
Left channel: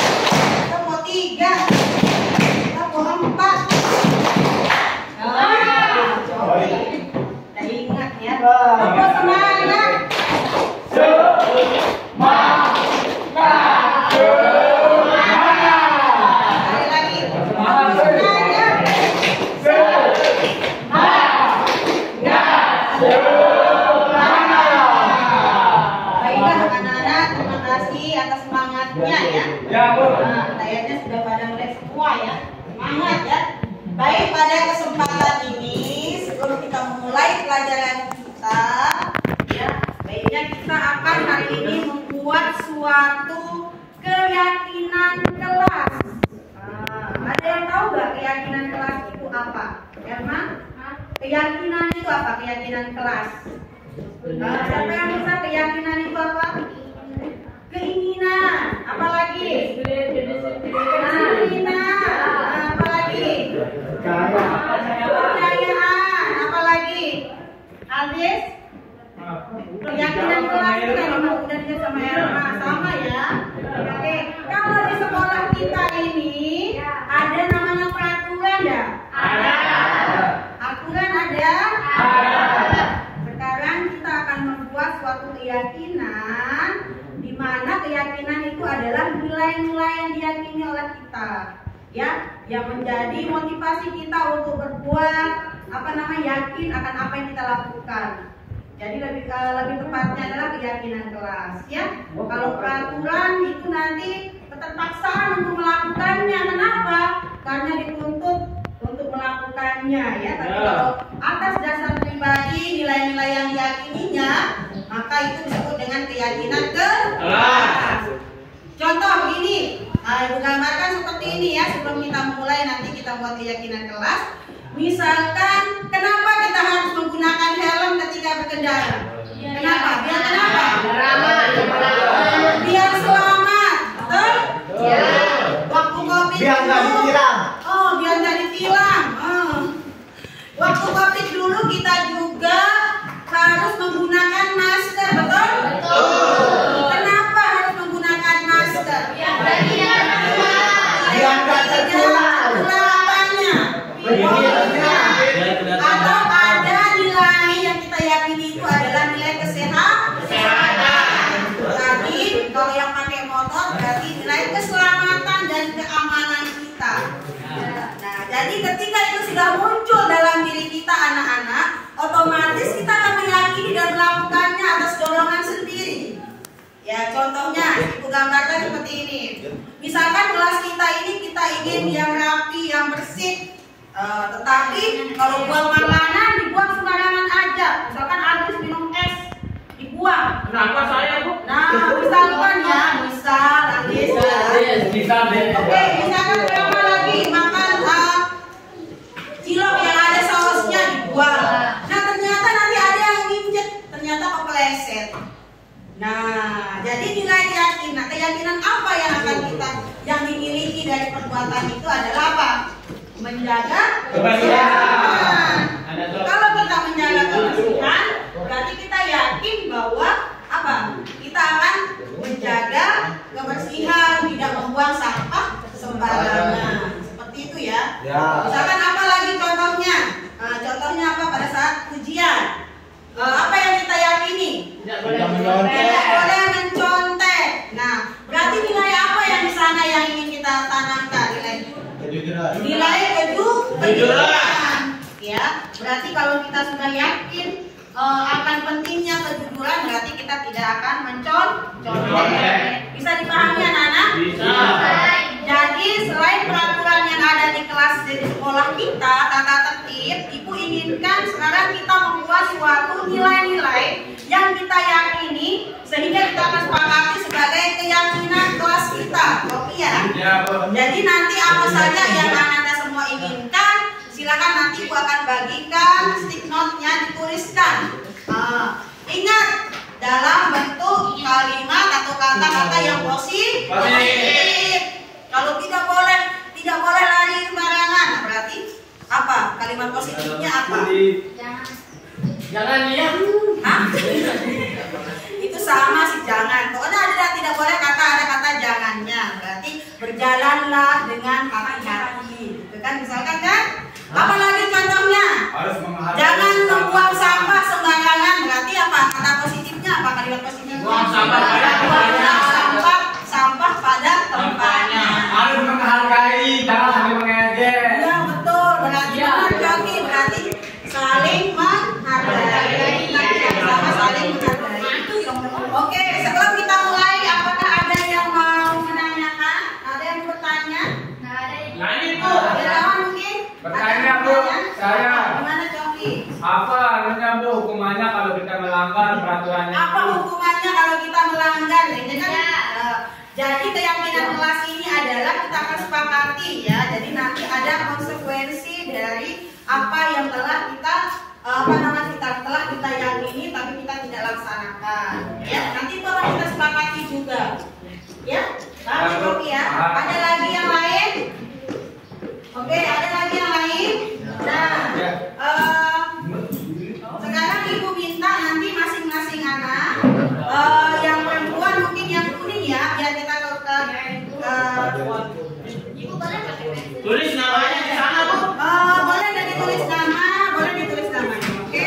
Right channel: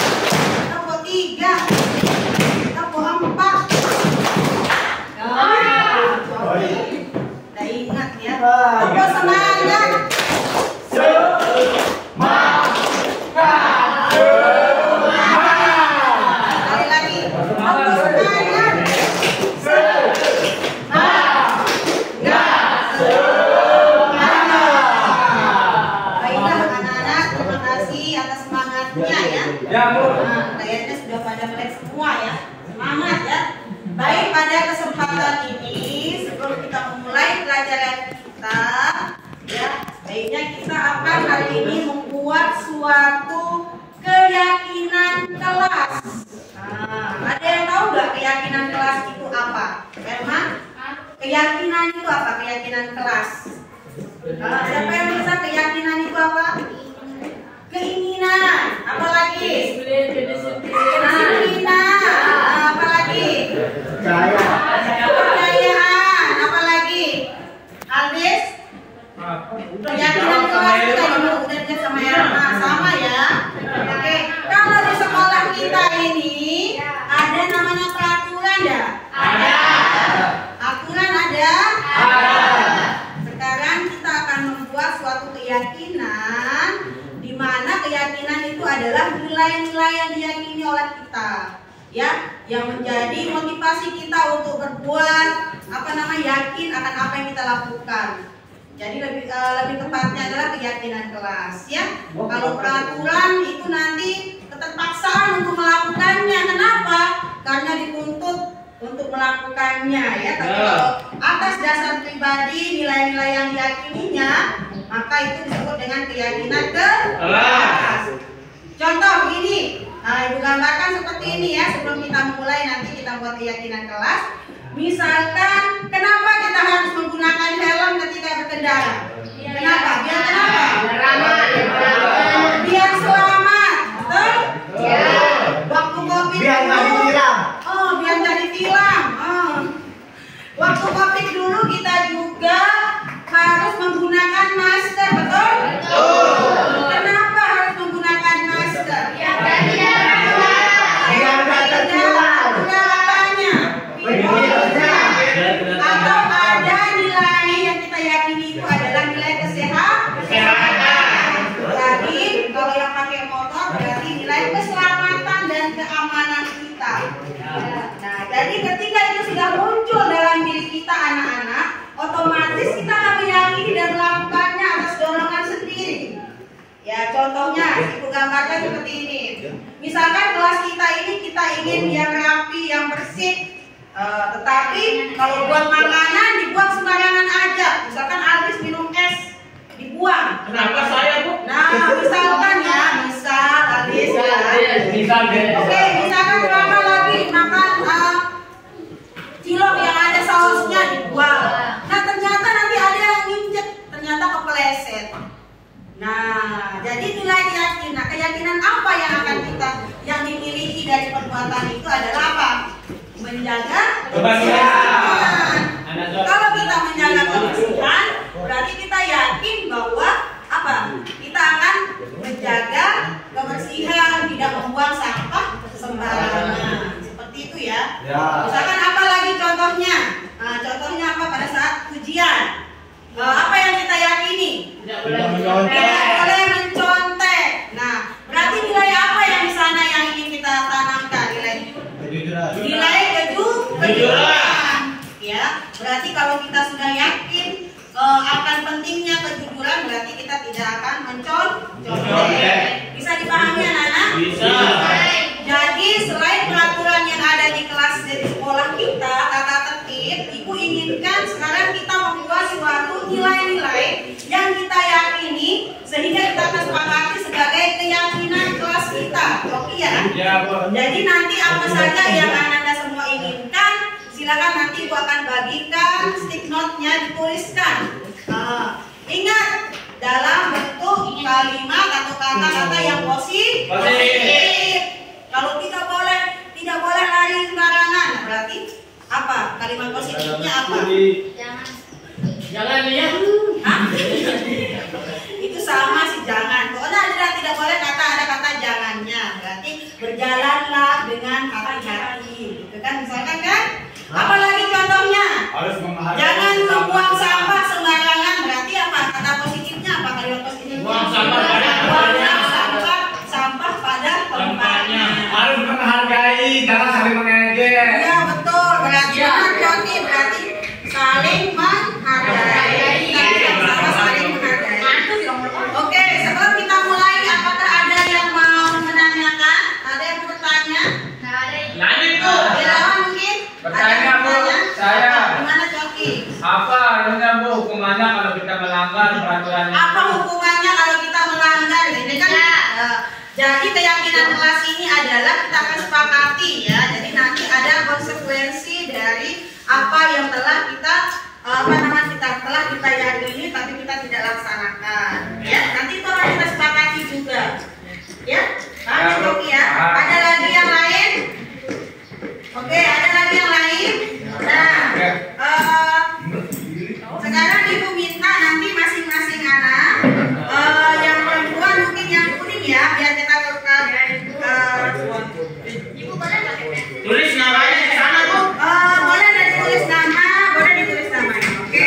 tepuk tiga, tepuk empat. Udah ingat ya. Tepuk semangat. Kayaknya sudah pada melek semua ya. Semangat ya. Baik, pada kesempatan ini sebelum kita memulai pelajaran kita ya, baiknya kita akan hari ini membuat suatu keyakinan kelas. Ada yang tahu nggak keyakinan kelas itu apa? Emma? Keyakinan itu apa? Keyakinan kelas. Siapa yang bisa keyakinan itu apa? Keinginan. Apalagi? Keinginan. Apalagi? Kepercayaan. Apalagi? Aldis? Keyakinan kelas itu tadi udah dilihat sama Erma, sama ya. Oke, kalau di sekolah kita ini ada namanya peraturan ya? Ada. Aturan ada? Ada. Sekarang kita akan membuat suatu keyakinan di mana keyakinan itu adalah nilai-nilai yang diyakini oleh kita, ya, yang menjadi motivasi kita untuk berbuat yakin akan apa yang kita lakukan. Jadi lebih tepatnya adalah keyakinan kelas, ya. Kalau peraturan itu nanti keterpaksaan untuk melakukannya. Kenapa? Karena dituntut untuk melakukannya, ya. Tapi kalau atas dasar pribadi, nilai-nilai yang diyakininya, maka itu disebut dengan keyakinan kelas. Contoh begini, Ibu gambarkan seperti ini ya. Sebelum kita mulai nanti kita buat keyakinan kelas. Misalkan, kenapa kita harus menggunakan helm ketika berkendara? Kenapa? Biar kenapa? Biar selamat, betul? Waktu COVID Biar nggak ditilang. Oh, biar nggak ditilang. Waktu COVID dulu kita juga harus menggunakan masker, betul? Kenapa harus menggunakan masker? Biar nggak tertular. Atau ada nilai yang kita yakini itu adalah nilai kesehatan. Tadi kalau yang pakai motor berarti nilai keselamatan dan keamanan kita. Nah, jadi ketika itu sudah muncul dalam diri kita anak-anak, otomatis kita akan meyakini dan melakukannya atas dorongan sendiri. Ya, contohnya Ibu gambarkan seperti ini. Misalkan kelas kita ini kita ingin yang rapi, yang bersih. Tetapi kalau buang makanan dibuang sembarangan aja. Misalkan Aldis minum es dibuang. Kenapa saya, Bu? Nah, misalkan ya, misal Aldis. Oke, misalkan Kakak lagi makan cilok yang ada sausnya dibuang. Nah, ternyata nanti ada yang nginjek, ternyata kepleset. Nah, jadi nilai keyakinan apa yang akan yang dimiliki dari perbuatan itu adalah apa? Menjaga kebersihan. Kalau kita menjaga kebersihan, berarti kita yakin bahwa apa? Kita akan menjaga kebersihan, tidak membuang sampah sembarangan. Seperti itu ya. Misalkan apa lagi contohnya? Contohnya apa pada saat ujian? Apa yang kita yakini? Tidak boleh mencontek. Nah, berarti nilai apa yang di sana yang ingin kita tanamkan? Nilai kejujuran. Ya, berarti kalau kita sudah yakin akan pentingnya kejujuran, berarti kita tidak akan mencontek. Bisa dipahami anak-anak? Bisa. Jadi selain peraturan yang ada di kelas di sekolah kita, tata tertib, Ibu inginkan sekarang kita membuat suatu nilai-nilai yang kita yakini sehingga kita akan sepakati sebagai keyakinan kelas kita. Oke ya? Ya, Bu. Jadi nanti apa saja yang anak-anak semua inginkan, silakan nanti Ibu akan bagikan stick note-nya dituliskan. Ingat dalam bentuk kalimat atau kata-kata yang positif. Kalau tidak boleh lari sembarangan. Nah, berarti apa? Kalimat positifnya apa? Jangan ya. Hah? Itu sama sih, jangan. Pokoknya ada tidak boleh ada kata jangannya. Berarti berjalanlah dengan hati-hati. Gitu kan misalkan kan? Apalagi contohnya? Jangan membuang sampah sembarangan. Berarti apa? Kata positifnya apa? Kalimat positifnya? Buang sampah pada tempatnya. Sampah pada tempatnya. Harus menghargai, jangan saling mengejek. Iya betul. Berarti berarti saling menghargai. Kita sama saling menghargai. Oke, sebelum kita mulai, apakah ada yang mau menanyakan? Ada yang bertanya? Nanya, Bu. Mungkin? Bertanya, Bu. Saya. Gimana Coki? Apa anunya, Bu, hukumannya kalau kita melanggar peraturannya? Apa hukumannya kalau kita melanggar? Ini kan Jadi keyakinan kelas ini adalah kita akan sepakati ya. Jadi nanti ada konsekuensi dari apa yang telah kita telah kita yakini tapi kita tidak laksanakan. Ya, nanti itu akan kita sepakati juga. Ya, paham ya? Ada lagi yang lain? Oke, ada lagi yang lain? Nah, sekarang Ibu minta nanti masing-masing anak yang perempuan mungkin yang kuning ya, biar kita Ibu boleh Tulis namanya di sana, Bu. boleh ditulis nama, boleh ditulis namanya. Oke.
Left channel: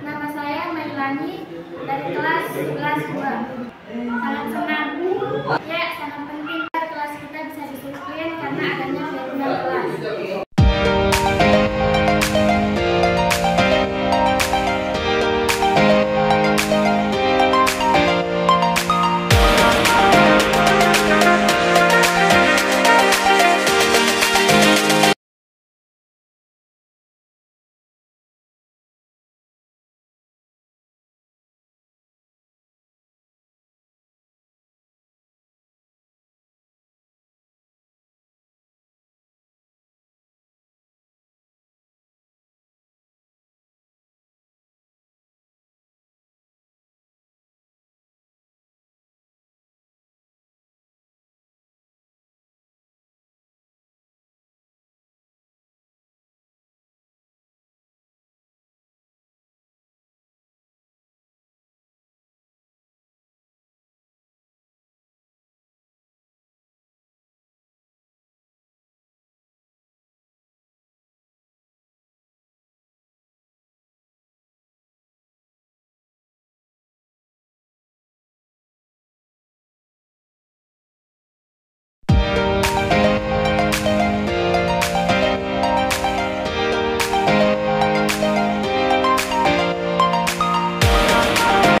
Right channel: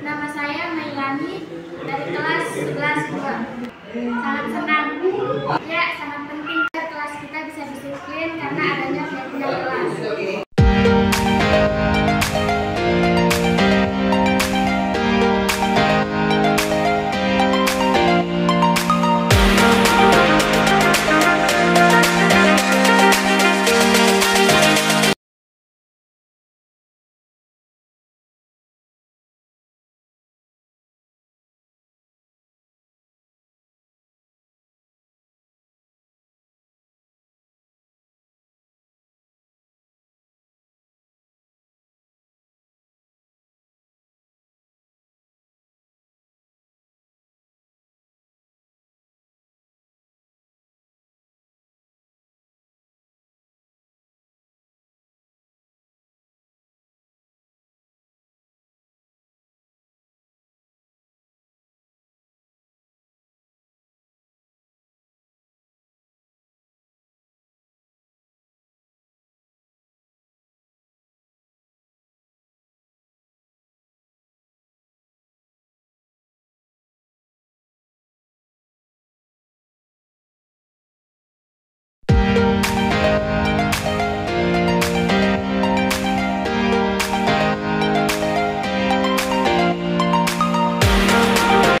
Nama saya Mailani dari kelas 11 2.